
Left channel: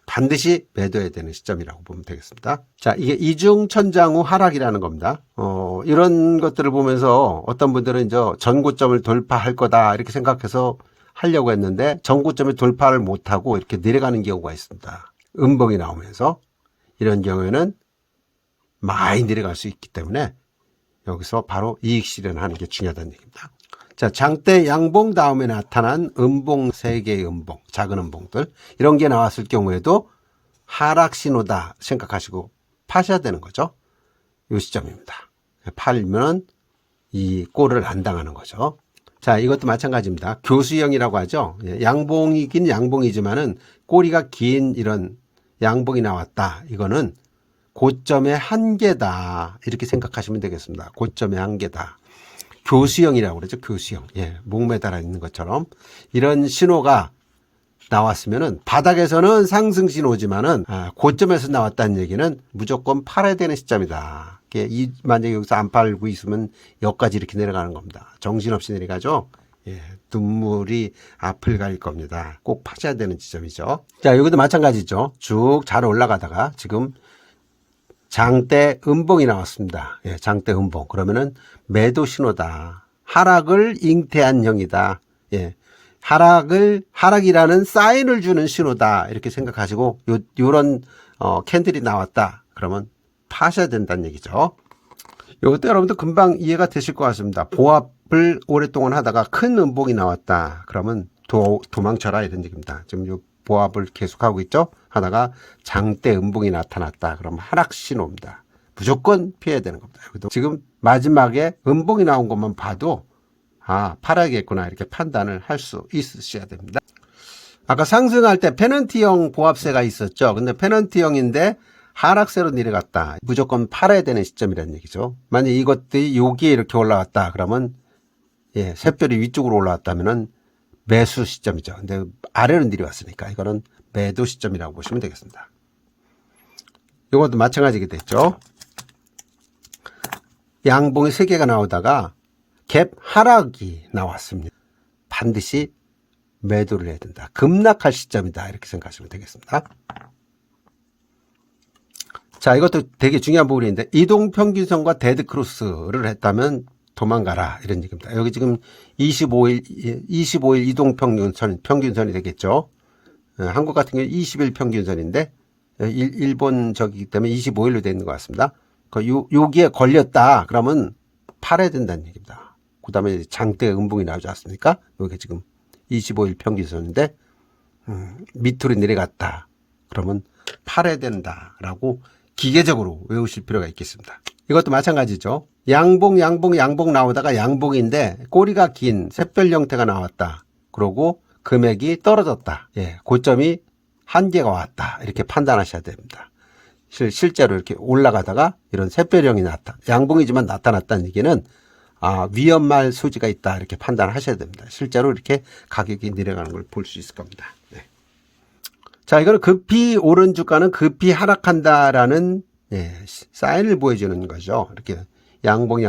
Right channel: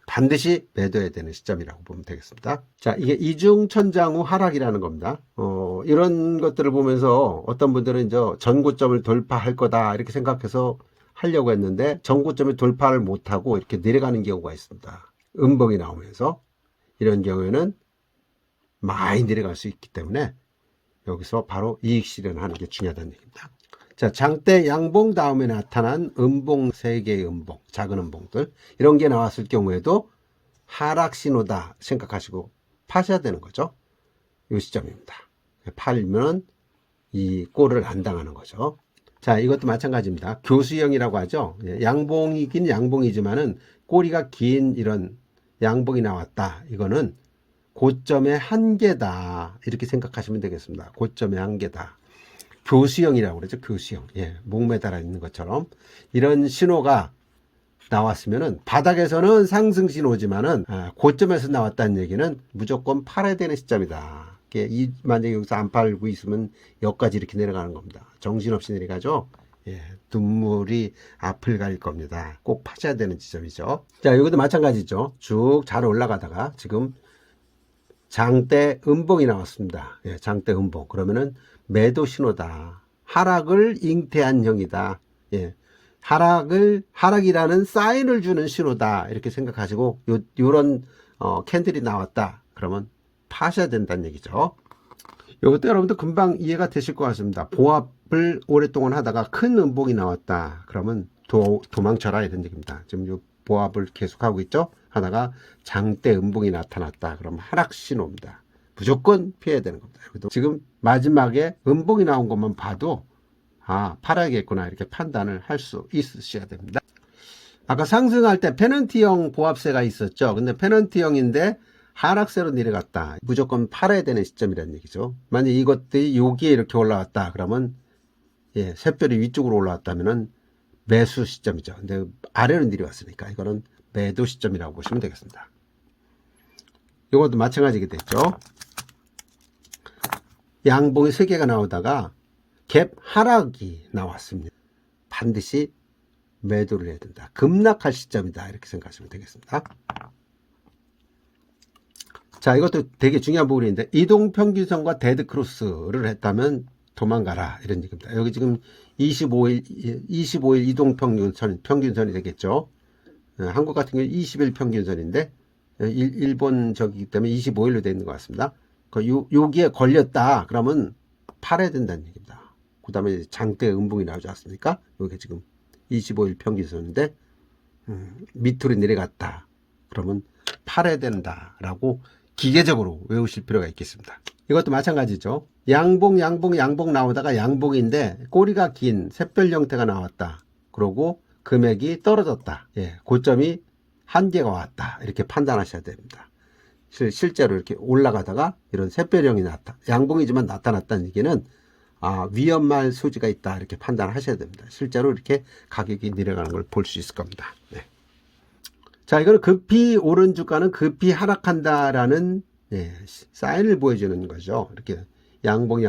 반드시 매도해야 되는 시점이라고 보면 되겠습니다. 자, 이게 이중천장 후 하락이라는 겁니다. 이런 것들을 보면서 어떤 분들은 이제 전고점을 돌파할 거다 이렇게 생각해서 하려고 했는데 전고점을 돌파를 못하고 이렇게 내려가는 경우가 있습니다. 음봉이 나오면서. 이런 경우에는 많이 내려갈 수 있기 때문에 여기서 바로 이익 실현하는 게 중요하다는 얘기입니다. 자, 장대 양봉 다음에 나타난 음봉 3개의 음봉, 작은 음봉들, 이런 게 나왔을 경우에도 하락 신호다 생각하시고 파셔야 되는 거죠. 이 시점입니다. 팔면 이 꼴을 안 당하는 거죠. 자, 이것도 마찬가지입니다. 교수형이라고 하죠. 양봉이긴 양봉이지만은 꼬리가 긴 이런 양봉이 나왔다. 이거는 고점의 한계다, 이렇게 생각하시면 되겠습니다. 고점의 한계다. 교수형이라고 그러죠. 교수형. 예, 목매달아 있는 것처럼 이런 신호가 나왔으면은 바닥에서는 상승 신호지만은 고점에서 나왔다는 얘기는 무조건 팔아야 되는 시점이다. 만약에 여기서 안 팔고 있으면 여기까지 이렇게 내려가는 겁니다. 정신없이 내려가죠. 예, 눈물이 앞을 가릴 겁니다. 꼭 파셔야 되는 지점이죠. 자, 여기도 마찬가지죠. 쭉 잘 올라가다가 지금 장대 음봉이 나왔습니다. 예, 장대 음봉. 그러면은 매도 신호다. 하락을 잉태한 형이다. 예, 하락이라는 사인을 주는 신호다. 이렇게 생각하시고 요런 캔들이 나왔다. 그러면 파셔야 된다는 얘기죠. 이것도 여러분들 금방 이해가 되실 것 같습니다. 보합을 오랫동안 하다가 큰 음봉이 나왔다. 그러면 도망쳐라, 이런 얘기입니다. 지금 이 보합을 계속하고 있죠. 하다가 장대 음봉이 나타났다. 그러면 하락 신호입니다. 무조건 피해야 되는 겁니다. 지금 마지막에 음봉이 나온 것만 봐도 팔아야겠구나, 이렇게 판단을 할 수 있으셔야 됩니다. 아까 상승할 때 페넌트형 보합세가 있었죠. 근데 페넌트형인데 하락세로 내려갔다. 무조건 팔아야 되는 시점이라는 얘기죠. 만약 이것들이 여기에 이렇게 올라왔다. 그러면 샛별이 위쪽으로 올라왔다면은 매수 시점이죠. 근데 아래로 내려왔으니까 이거는 매도 시점이라고 보시면 되겠습니다. 이것도 마찬가지게 됐죠. 양봉이 3개가 나오다가 갭 하락이 나왔습니다. 반드시 매도를 해야 된다. 급락할 시점이다. 이렇게 생각하시면 되겠습니다. 자, 이것도 되게 중요한 부분인데 이동평균선과 데드크로스를 했다면 도망가라 이런 얘기입니다. 여기 지금 25일 평균선이 되겠죠. 한국 같은 경우 20일 평균선인데 일본 저기 때문에 25일로 되어 있는 것 같습니다. 여기에 걸렸다 그러면 팔아야 된다는 얘기입니다. 그 다음에 장대 음봉이 나오지 않습니까? 여기 지금 25일 평균선인데 밑으로 내려갔다 그러면 팔아야 된다라고 기계적으로 외우실 필요가 있겠습니다. 이것도 마찬가지죠. 양봉 나오다가 양봉인데 꼬리가 긴 샛별 형태가 나왔다. 그러고 금액이 떨어졌다. 고점이 한계가 왔다. 이렇게 판단하셔야 됩니다. 실제로 이렇게 올라가다가 이런 샛별형이 양봉이지만 나타났다는 얘기는 위험할 소지가 있다. 이렇게 판단하셔야 됩니다. 실제로 이렇게 가격이 내려가는 걸 볼 수 있을 겁니다. 자, 이거는 급히 오른 주가는 급히 하락한다라는 사인을 보여주는 거죠. 이렇게 양봉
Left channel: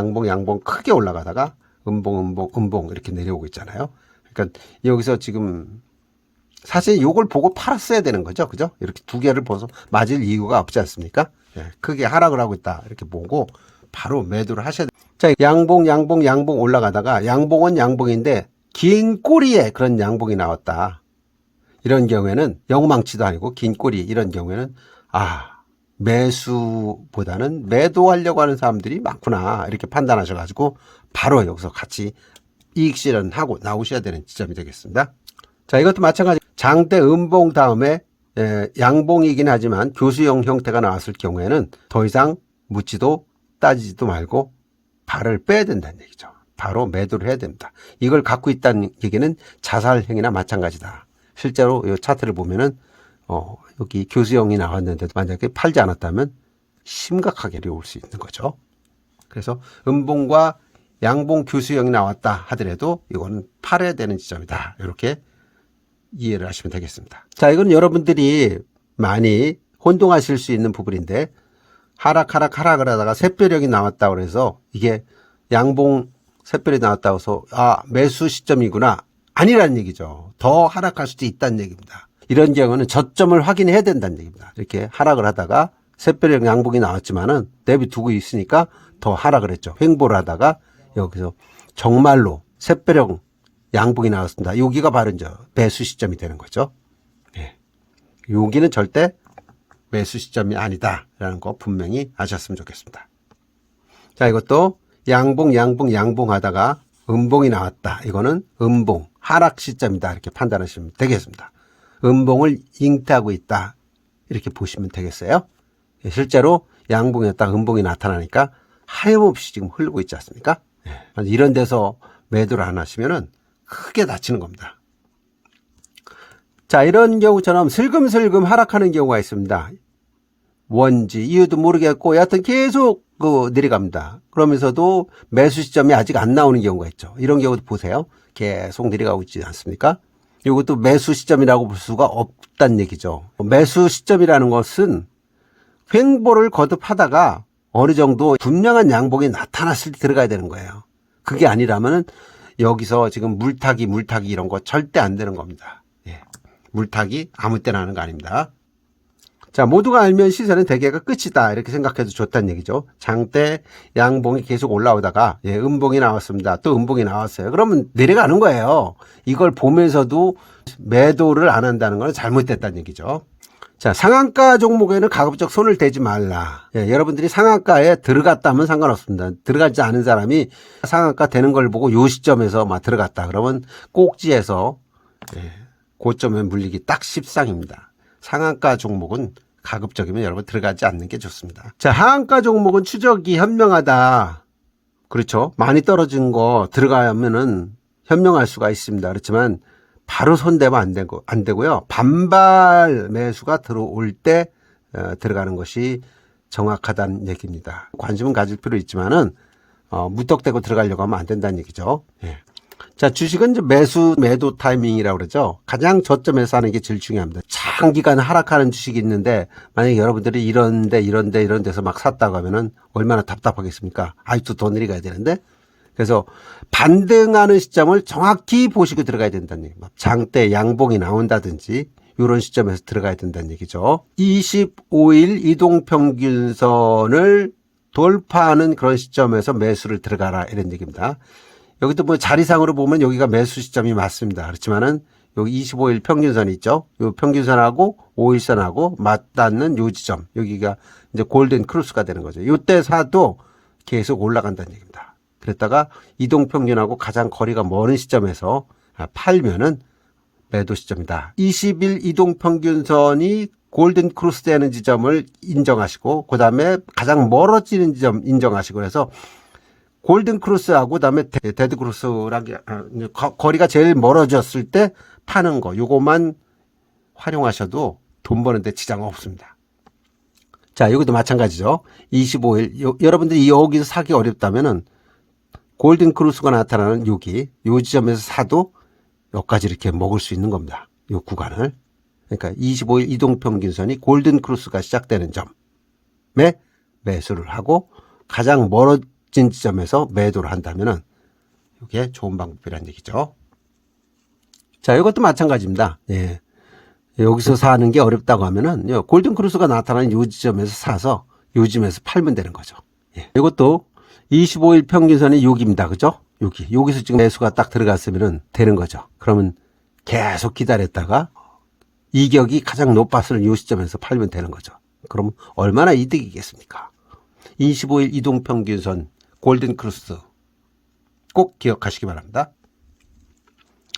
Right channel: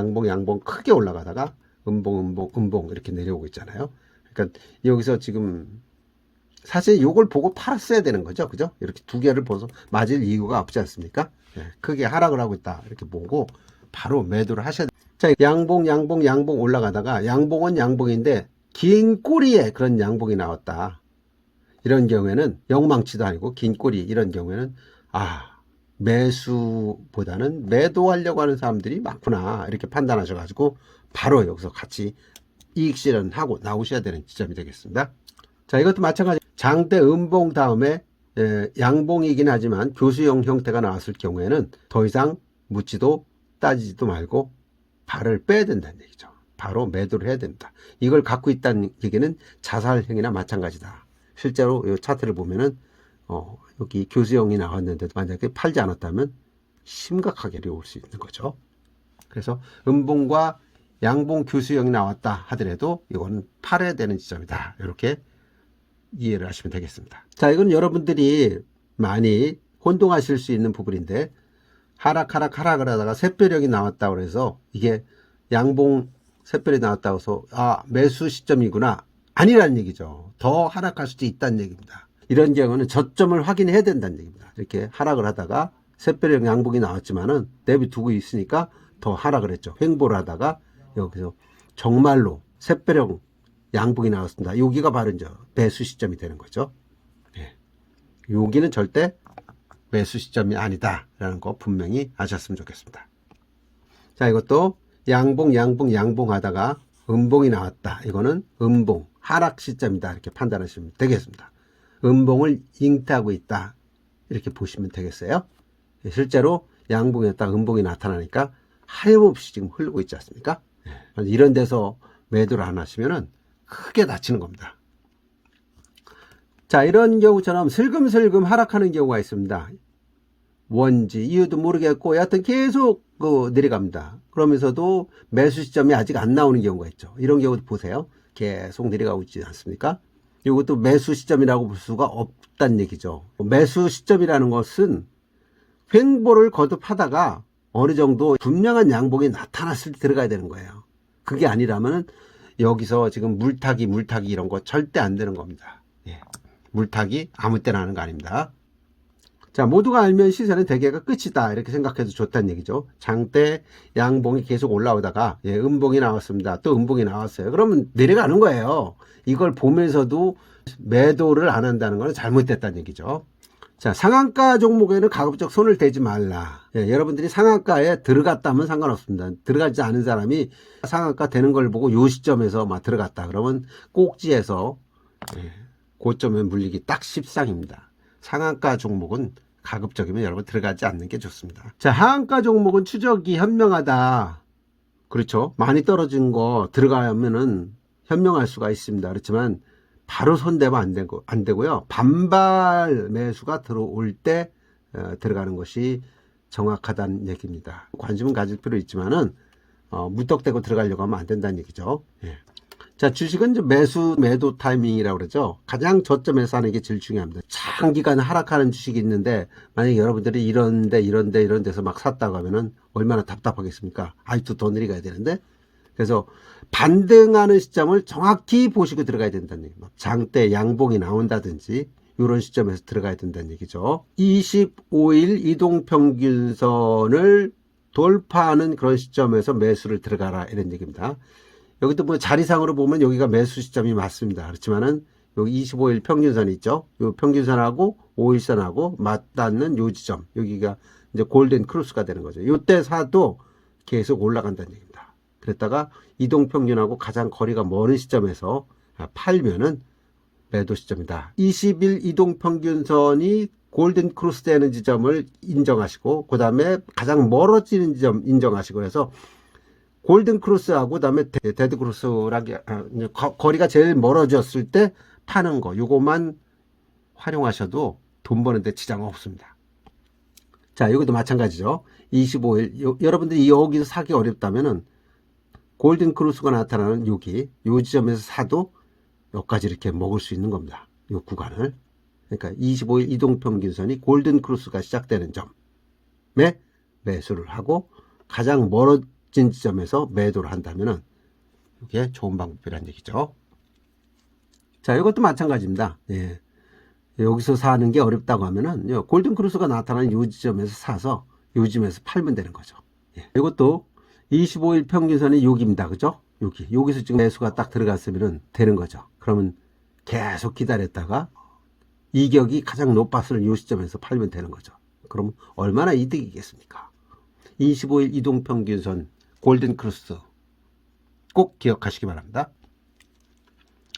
크게 올라가다가 음봉 이렇게 내려오고 있잖아요. 그러니까 여기서 지금 사실 이걸 보고 팔았어야 되는 거죠. 그죠? 이렇게 두 개를 보서 맞을 이유가 없지 않습니까? 크게 하락을 하고 있다. 이렇게 보고 바로 매도를 하셔야 돼요. 자, 양봉 올라가다가 양봉은 양봉인데 긴 꼬리에 그런 양봉이 나왔다. 이런 경우에는 영망치도 아니고 긴 꼬리 이런 경우에는 매수보다는 매도하려고 하는 사람들이 많구나 이렇게 판단하셔가지고 바로 여기서 같이 이익 실현하고 나오셔야 되는 지점이 되겠습니다. 자, 이것도 마찬가지 장대 음봉 다음에 양봉이긴 하지만 교수형 형태가 나왔을 경우에는 더 이상 묻지도 따지지도 말고 발을 빼야 된다는 얘기죠. 바로 매도를 해야 됩니다. 이걸 갖고 있다는 얘기는 자살행위나 마찬가지다. 실제로 이 차트를 보면은 여기 교수형이 나왔는데도 만약에 팔지 않았다면 심각하게 어려울 수 있는 거죠. 그래서 음봉과 양봉 교수형이 나왔다 하더라도 이거는 팔아야 되는 지점이다. 이렇게 이해를 하시면 되겠습니다. 자, 이건 여러분들이 많이 혼동하실 수 있는 부분인데 하락을 하다가 샛별형이 나왔다고 해서 이게 양봉 샛별이 나왔다고 해서 매수 시점이구나. 아니라는 얘기죠. 더 하락할 수도 있다는 얘기입니다. 이런 경우는 저점을 확인해야 된다는 얘기입니다. 이렇게 하락을 하다가 샛별형 양봉이 나왔지만은 내비두고 있으니까 더 하락을 했죠. 횡보를 하다가 여기서 정말로 샛별형 양봉이 나왔습니다. 여기가 바로 이제 매수 시점이 되는 거죠. 여기는 절대 매수 시점이 아니다라는 거 분명히 아셨으면 좋겠습니다. 자, 이것도 양봉 하다가 음봉이 나왔다. 이거는 음봉 하락 시점이다. 이렇게 판단하시면 되겠습니다. 음봉을 잉태하고 있다. 이렇게 보시면 되겠어요. 실제로 양봉이었다가 음봉이 나타나니까 하염없이 지금 흐르고 있지 않습니까? 이런 데서 매도를 안 하시면은 크게 다치는 겁니다. 자, 이런 경우처럼 슬금슬금 하락하는 경우가 있습니다. 뭔지 이유도 모르겠고 여하튼 계속 내려갑니다. 그러면서도 매수 시점이 아직 안 나오는 경우가 있죠. 이런 경우도 보세요. 계속 내려가고 있지 않습니까? 이것도 매수 시점이라고 볼 수가 없다는 얘기죠. 매수 시점이라는 것은 횡보를 거듭하다가 어느 정도 분명한 양봉이 나타났을 때 들어가야 되는 거예요. 그게 아니라면은 여기서 지금 물타기 이런 거 절대 안 되는 겁니다. 물타기 아무 때나 하는 거 아닙니다. 자, 모두가 알면 시세는 대개가 끝이다. 이렇게 생각해도 좋다는 얘기죠. 장대 양봉이 계속 올라오다가 음봉이 나왔습니다. 또 음봉이 나왔어요. 그러면 내려가는 거예요. 이걸 보면서도 매도를 안 한다는 건 잘못됐다는 얘기죠. 자, 상한가 종목에는 가급적 손을 대지 말라. 여러분들이 상한가에 들어갔다면 상관없습니다. 들어가지 않은 사람이 상한가 되는 걸 보고 요 시점에서 막 들어갔다. 그러면 꼭지에서 고점에 물리기 딱 십상입니다. 상한가 종목은 가급적이면 여러분 들어가지 않는 게 좋습니다. 자, 하한가 종목은 추적이 현명하다. 그렇죠. 많이 떨어진 거 들어가면은 현명할 수가 있습니다. 그렇지만 바로 손대면 안 되고요. 반발 매수가 들어올 때 들어가는 것이 정확하다는 얘기입니다. 관심은 가질 필요 있지만은 무턱대고 들어가려고 하면 안 된다는 얘기죠. 예. 자, 주식은 이제 매도 타이밍이라고 그러죠. 가장 저점에서 하는 게 제일 중요합니다. 장기간 하락하는 주식이 있는데 만약에 여러분들이 이런 데서 막 샀다고 하면은 얼마나 답답하겠습니까? 아직도 더 내려가야 되는데. 그래서 반등하는 시점을 정확히 보시고 들어가야 된다는 얘기입니다. 장대 양봉이 나온다든지 이런 시점에서 들어가야 된다는 얘기죠. 25일 이동평균선을 돌파하는 그런 시점에서 매수를 들어가라 이런 얘기입니다. 여기도 뭐 자리상으로 보면 여기가 매수 시점이 맞습니다. 그렇지만은 여기 25일 평균선이 있죠. 이 평균선하고 5일선하고 맞닿는 요 지점, 여기가 이제 골든 크루스가 되는 거죠. 이때 사도 계속 올라간다는 얘기입니다. 그랬다가 이동평균하고 가장 거리가 먼 시점에서 팔면은 매도 시점이다. 20일 이동평균선이 골든 크루스 되는 지점을 인정하시고 그 다음에 가장 멀어지는 지점 인정하시고 그래서 골든 크루스하고 그다음에 데드 크루스랑 거리가 제일 멀어졌을 때 파는 거 요것만 활용하셔도 돈 버는데 지장 없습니다. 자, 여기도 마찬가지죠. 25일 여러분들이 여기서 사기 어렵다면은 골든 크루스가 나타나는 여기 요 지점에서 사도 여기까지 이렇게 먹을 수 있는 겁니다. 요 구간을. 그러니까 25일 이동평균선이 골든 크루스가 시작되는 점에 매수를 하고 가장 멀어진 지점에서 매도를 한다면은 이게 좋은 방법이라는 얘기죠. 자, 이것도 마찬가지입니다. 예. 여기서 사는 게 어렵다고 하면은 골든 크루스가 나타나는 요 지점에서 사서 요 지점에서 팔면 되는 거죠. 예. 이것도 25일 평균선이 여기입니다. 그죠? 여기서 지금 매수가 딱 들어갔으면 되는 거죠. 그러면 계속 기다렸다가 이격이 가장 높았을 이 시점에서 팔면 되는 거죠. 그럼 얼마나 이득이겠습니까? 25일 이동평균선 골든 크루스 꼭 기억하시기 바랍니다.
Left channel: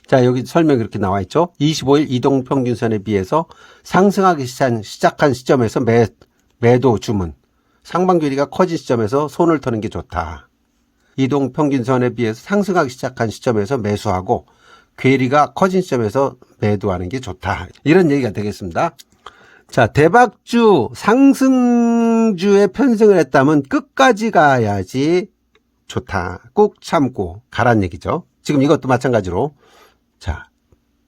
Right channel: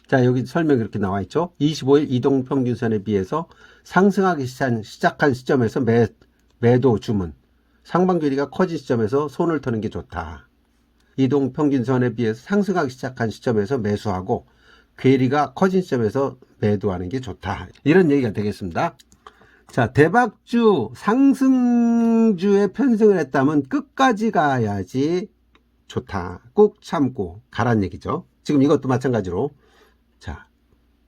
자, 여기 설명이 이렇게 나와 있죠. 25일 이동평균선에 비해서 상승하기 시작한 시점에서 매도 주문, 상반距리가 커진 시점에서 손을 터는 게 좋다. 이동평균선에 비해서 상승하기 시작한 시점에서 매수하고 괴리가 커진 시점에서 매도하는 게 좋다. 이런 얘기가 되겠습니다. 자, 대박주, 상승주에 편승을 했다면 끝까지 가야지 좋다. 꼭 참고 가란 얘기죠. 지금 이것도 마찬가지로. 자,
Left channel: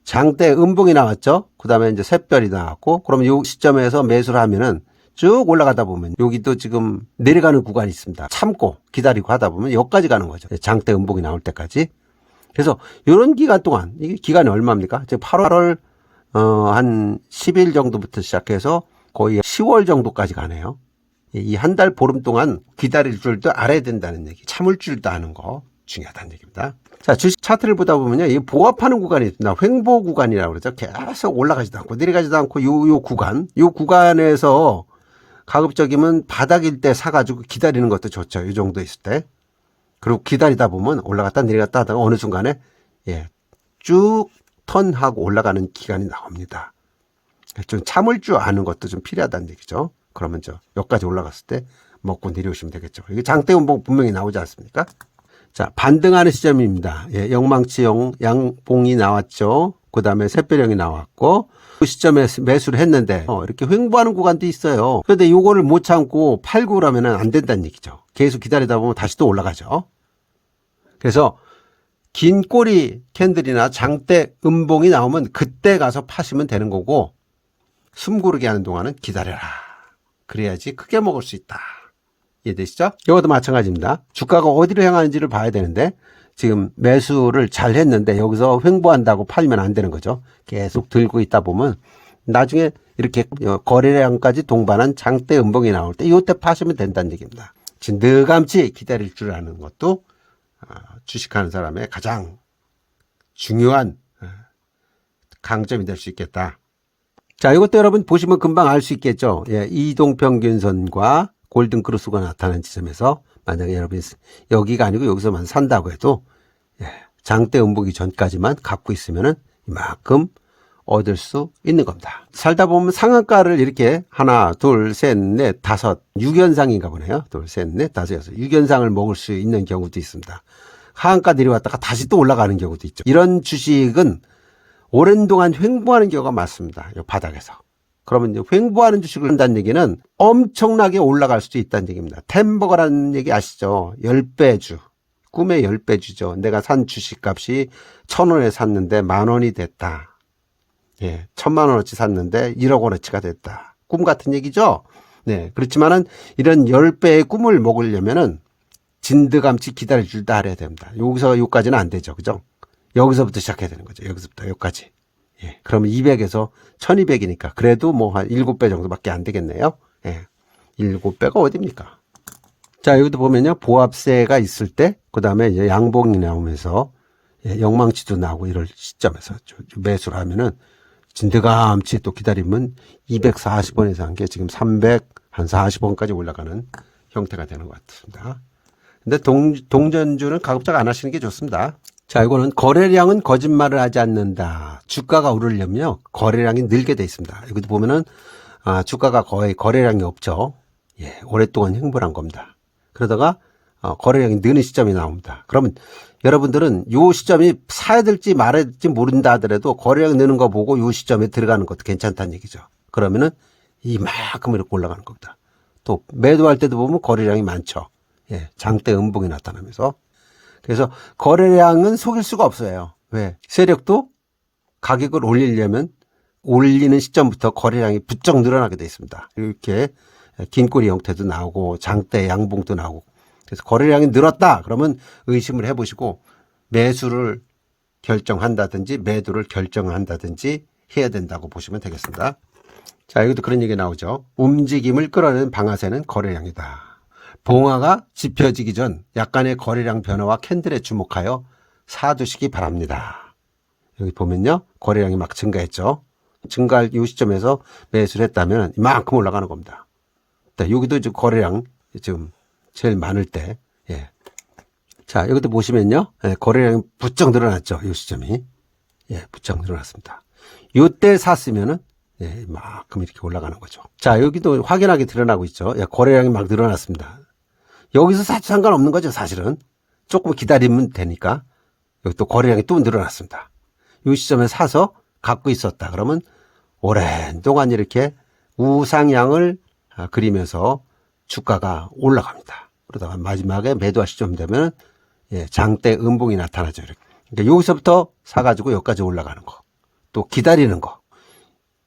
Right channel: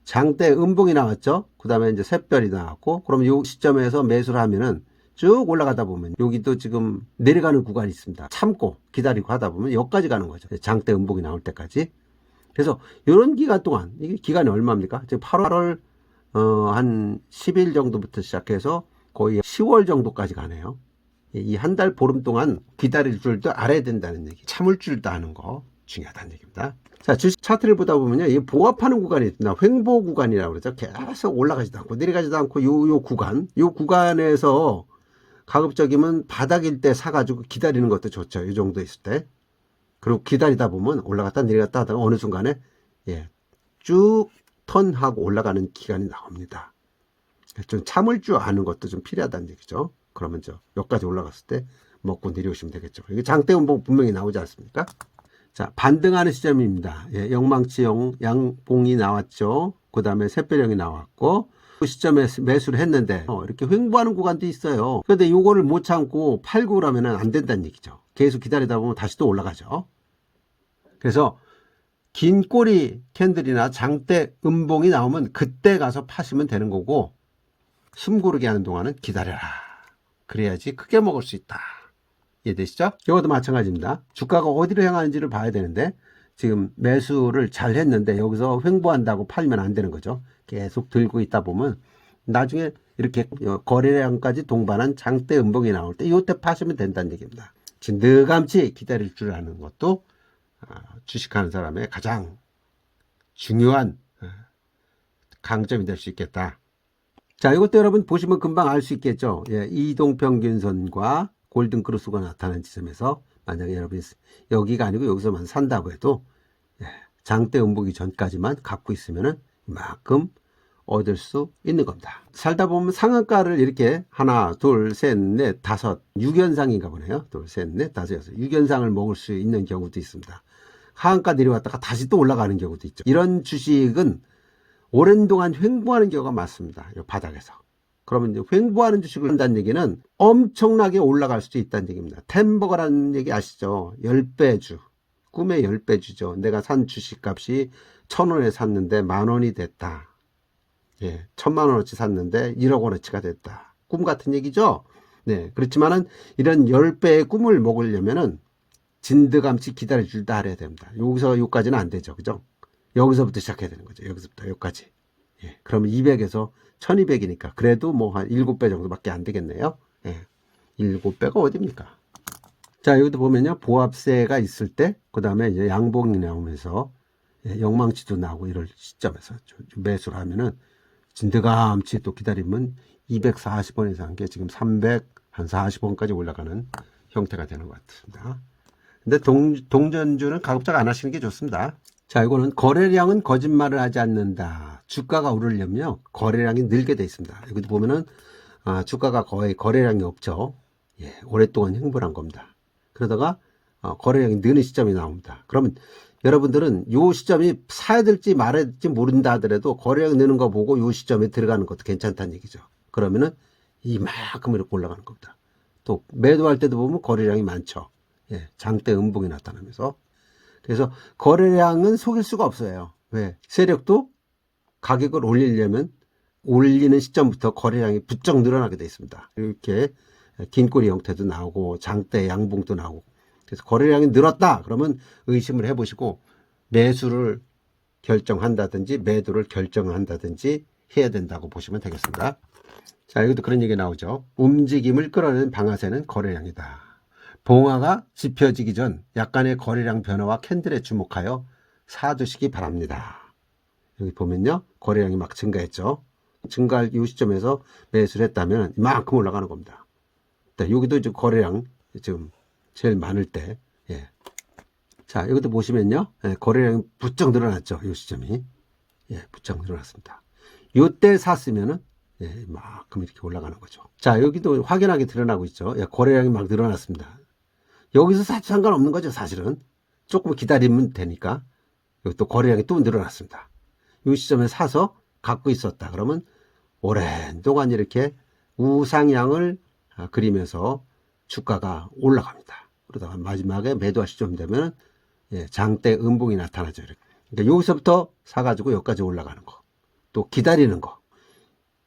장대 음봉이 나왔죠. 그 다음에 이제 샛별이 나왔고, 그러면 이 시점에서 매수를 하면은 쭉 올라가다 보면 여기도 지금 내려가는 구간이 있습니다. 참고 기다리고 하다 보면 여기까지 가는 거죠. 장대 음봉이 나올 때까지. 그래서 이런 기간 동안, 이게 기간이 얼마입니까? 지금 8월 한 10일 정도부터 시작해서 거의 10월 정도까지 가네요. 이 한 달 보름 동안 기다릴 줄도 알아야 된다는 얘기. 참을 줄도 아는 거 중요하다는 얘기입니다. 자, 주식 차트를 보다 보면요. 이 보합하는 구간이 있습니다. 횡보 구간이라고 그러죠. 계속 올라가지도 않고 내려가지도 않고 요 구간에서 가급적이면 바닥일 때 사가지고 기다리는 것도 좋죠. 이 정도 있을 때. 그리고 기다리다 보면 올라갔다 내려갔다 하다가 어느 순간에 쭉 턴하고 올라가는 기간이 나옵니다. 좀 참을 줄 아는 것도 좀 필요하다는 얘기죠. 그러면 여기까지 올라갔을 때 먹고 내려오시면 되겠죠. 이게 장대 음봉 분명히 나오지 않습니까? 자, 반등하는 시점입니다. 영망치형 양봉이 나왔죠. 그 다음에 샛별형이 나왔고 그 시점에 매수를 했는데 이렇게 횡보하는 구간도 있어요. 그런데 요거를 못 참고 팔고 그러면 안 된다는 얘기죠. 계속 기다리다 보면 다시 또 올라가죠. 그래서 긴 꼬리 캔들이나 장대 음봉이 나오면 그때 가서 파시면 되는 거고 숨 고르게 하는 동안은 기다려라. 그래야지 크게 먹을 수 있다. 이해되시죠? 이것도 마찬가지입니다. 주가가 어디로 향하는지를 봐야 되는데 지금 매수를 잘 했는데 여기서 횡보한다고 팔면 안 되는 거죠. 계속 들고 있다 보면 나중에 이렇게 거래량까지 동반한 장대 음봉이 나올 때 이때 파시면 된다는 얘기입니다. 진득함치 기다릴 줄 아는 것도 주식하는 사람의 가장 중요한 강점이 될 수 있겠다. 자, 이것도 여러분 보시면 금방 알 수 있겠죠. 이동평균선과 골든 크루스가 나타나는 지점에서 만약에 여러분이 여기가 아니고 여기서만 산다고 해도 장대 음봉이 전까지만 갖고 있으면은 이만큼 얻을 수 있는 겁니다. 살다 보면 상한가를 이렇게 하나, 둘, 셋, 넷, 다섯, 6연상인가 보네요. 둘, 셋, 넷, 다섯, 여섯, 6연상을 먹을 수 있는 경우도 있습니다. 하한가 내려왔다가 다시 또 올라가는 경우도 있죠. 이런 주식은 오랜 동안 횡보하는 경우가 많습니다. 이 바닥에서. 그러면 이제 횡보하는 주식을 한다는 얘기는 엄청나게 올라갈 수도 있다는 얘기입니다. 템버거라는 얘기 아시죠? 10배주. 꿈의 10배주죠. 내가 산 주식값이 1,000원에 샀는데 10,000원이 됐다. 예, 1,000,000원어치 샀는데 1억 원어치가 됐다. 꿈 같은 얘기죠? 네, 그렇지만은 이런 10배의 꿈을 먹으려면은 진드감치 기다려줄다 알아야 됩니다. 여기서 여기까지는 안 되죠. 그죠? 여기서부터 시작해야 되는 거죠. 여기서부터 여기까지. 예, 그러면 200에서 1200이니까 그래도 뭐 한 7배 정도밖에 안 되겠네요. 예, 7배가 어딥니까? 자, 여기도 보면요. 보합세가 있을 때, 그 다음에 이제 양봉이 나오면서, 예, 영망치도 나오고 이럴 시점에서 매수를 하면은 진드감치 또 기다리면 240원에서 한 게 지금 340원까지 올라가는 형태가 되는 것 같습니다. 근데 동전주는 가급적 안 하시는 게 좋습니다. 자, 이거는 거래량은 거짓말을 하지 않는다. 주가가 오르려면요, 거래량이 늘게 돼 있습니다. 여기도 보면은, 주가가 거의 거래량이 없죠. 예, 오랫동안 횡보한 겁니다. 그러다가, 거래량이 느는 시점이 나옵니다. 그러면 여러분들은 요 시점이 사야 될지 말아야 될지 모른다 하더라도 거래량 느는 거 보고 요 시점에 들어가는 것도 괜찮다는 얘기죠. 그러면은 이만큼 이렇게 올라가는 겁니다. 또 매도할 때도 보면 거래량이 많죠. 예, 장대 음봉이 나타나면서. 그래서 거래량은 속일 수가 없어요. 왜? 세력도 가격을 올리려면 올리는 시점부터 거래량이 부쩍 늘어나게 돼 있습니다. 이렇게 긴 꼬리 형태도 나오고 장대 양봉도 나오고. 그래서 거래량이 늘었다 그러면 의심을 해보시고 매수를 결정한다든지 매도를 결정한다든지 해야 된다고 보시면 되겠습니다. 자, 여기도 그런 얘기 나오죠. 움직임을 끌어내는 방아쇠는 거래량이다. 봉화가 짚혀지기 전 약간의 거래량 변화와 캔들에 주목하여 사두시기 바랍니다. 여기 보면요, 거래량이 막 증가했죠. 증가할 이 시점에서 매수를 했다면 이만큼 올라가는 겁니다. 여기도 지금 거래량 지금 제일 많을 때, 예. 자, 여기도 보시면요, 예, 거래량이 부쩍 늘어났죠. 이 시점이, 예, 부쩍 늘어났습니다. 이때 샀으면은, 예, 이만큼 이렇게 올라가는 거죠. 자, 여기도 확연하게 드러나고 있죠. 예, 거래량이 막 늘어났습니다. 여기서 사도 상관없는 거죠, 사실은. 조금 기다리면 되니까. 여기 또 거래량이 또 늘어났습니다. 이 시점에 사서 갖고 있었다. 그러면 오랜 동안 이렇게 우상향을 그리면서 주가가 올라갑니다. 그러다가 마지막에 매도할 시점 되면, 예, 장대 음봉이 나타나죠. 이렇게. 그러니까 여기서부터 사가지고 여기까지 올라가는 거. 또 기다리는 거.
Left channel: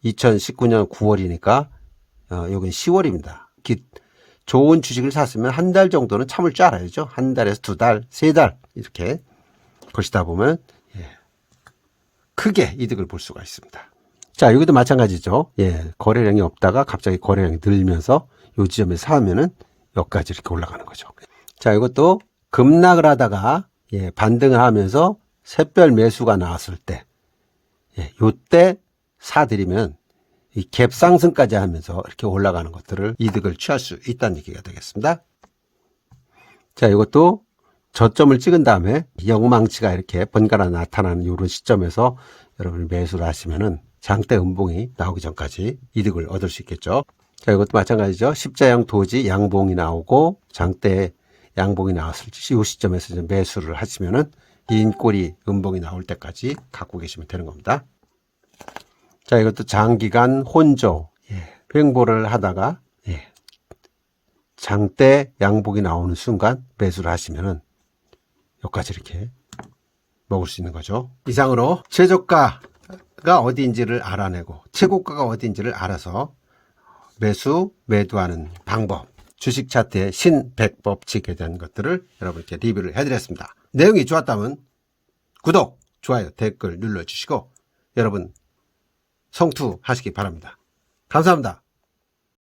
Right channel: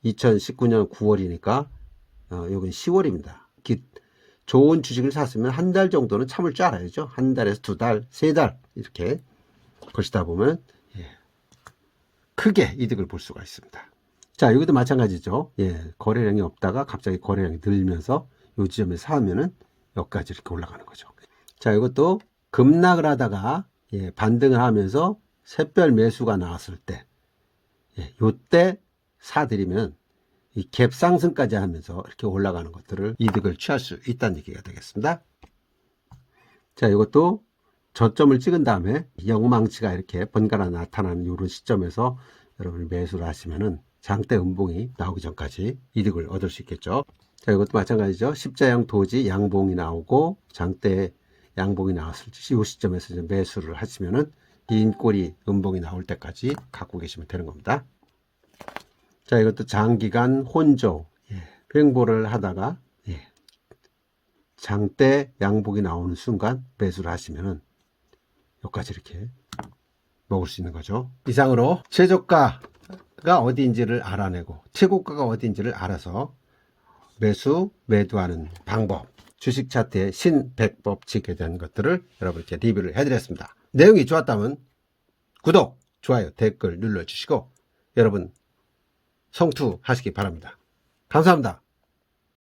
2019년 9월이니까, 여긴 10월입니다. 좋은 주식을 샀으면 한 달 정도는 참을 줄 알아야죠. 한 달에서 2달, 3달 이렇게 보시다 보면, 예, 크게 이득을 볼 수가 있습니다. 자, 여기도 마찬가지죠. 예, 거래량이 없다가 갑자기 거래량이 늘면서 요 지점에 사면은 여기까지 이렇게 올라가는 거죠. 자, 이것도 급락을 하다가, 예, 반등을 하면서 샛별 매수가 나왔을 때, 예, 요때 사들이면 이 갭 상승까지 하면서 이렇게 올라가는 것들을 이득을 취할 수 있다는 얘기가 되겠습니다. 자, 이것도 저점을 찍은 다음에 영망치가 이렇게 번갈아 나타나는 이런 시점에서 여러분이 매수를 하시면은 장대 음봉이 나오기 전까지 이득을 얻을 수 있겠죠. 자, 이것도 마찬가지죠. 십자형 도지 양봉이 나오고 장대 양봉이 나왔을 때 이 시점에서 이제 매수를 하시면은 긴 꼬리 음봉이 나올 때까지 갖고 계시면 되는 겁니다. 자, 이것도 장기간 혼조, 예, 횡보를 하다가, 예, 장대 양봉이 나오는 순간 매수를 하시면은 여기까지 이렇게 먹을 수 있는 거죠. 이상으로 최저가가 어디인지를 알아내고 최고가가 어디인지를 알아서 매수, 매도하는 방법, 주식 차트의 신백법칙에 대한 것들을 여러분께 리뷰를 해드렸습니다. 내용이 좋았다면 구독, 좋아요, 댓글 눌러주시고 여러분 성투하시기 바랍니다. 감사합니다.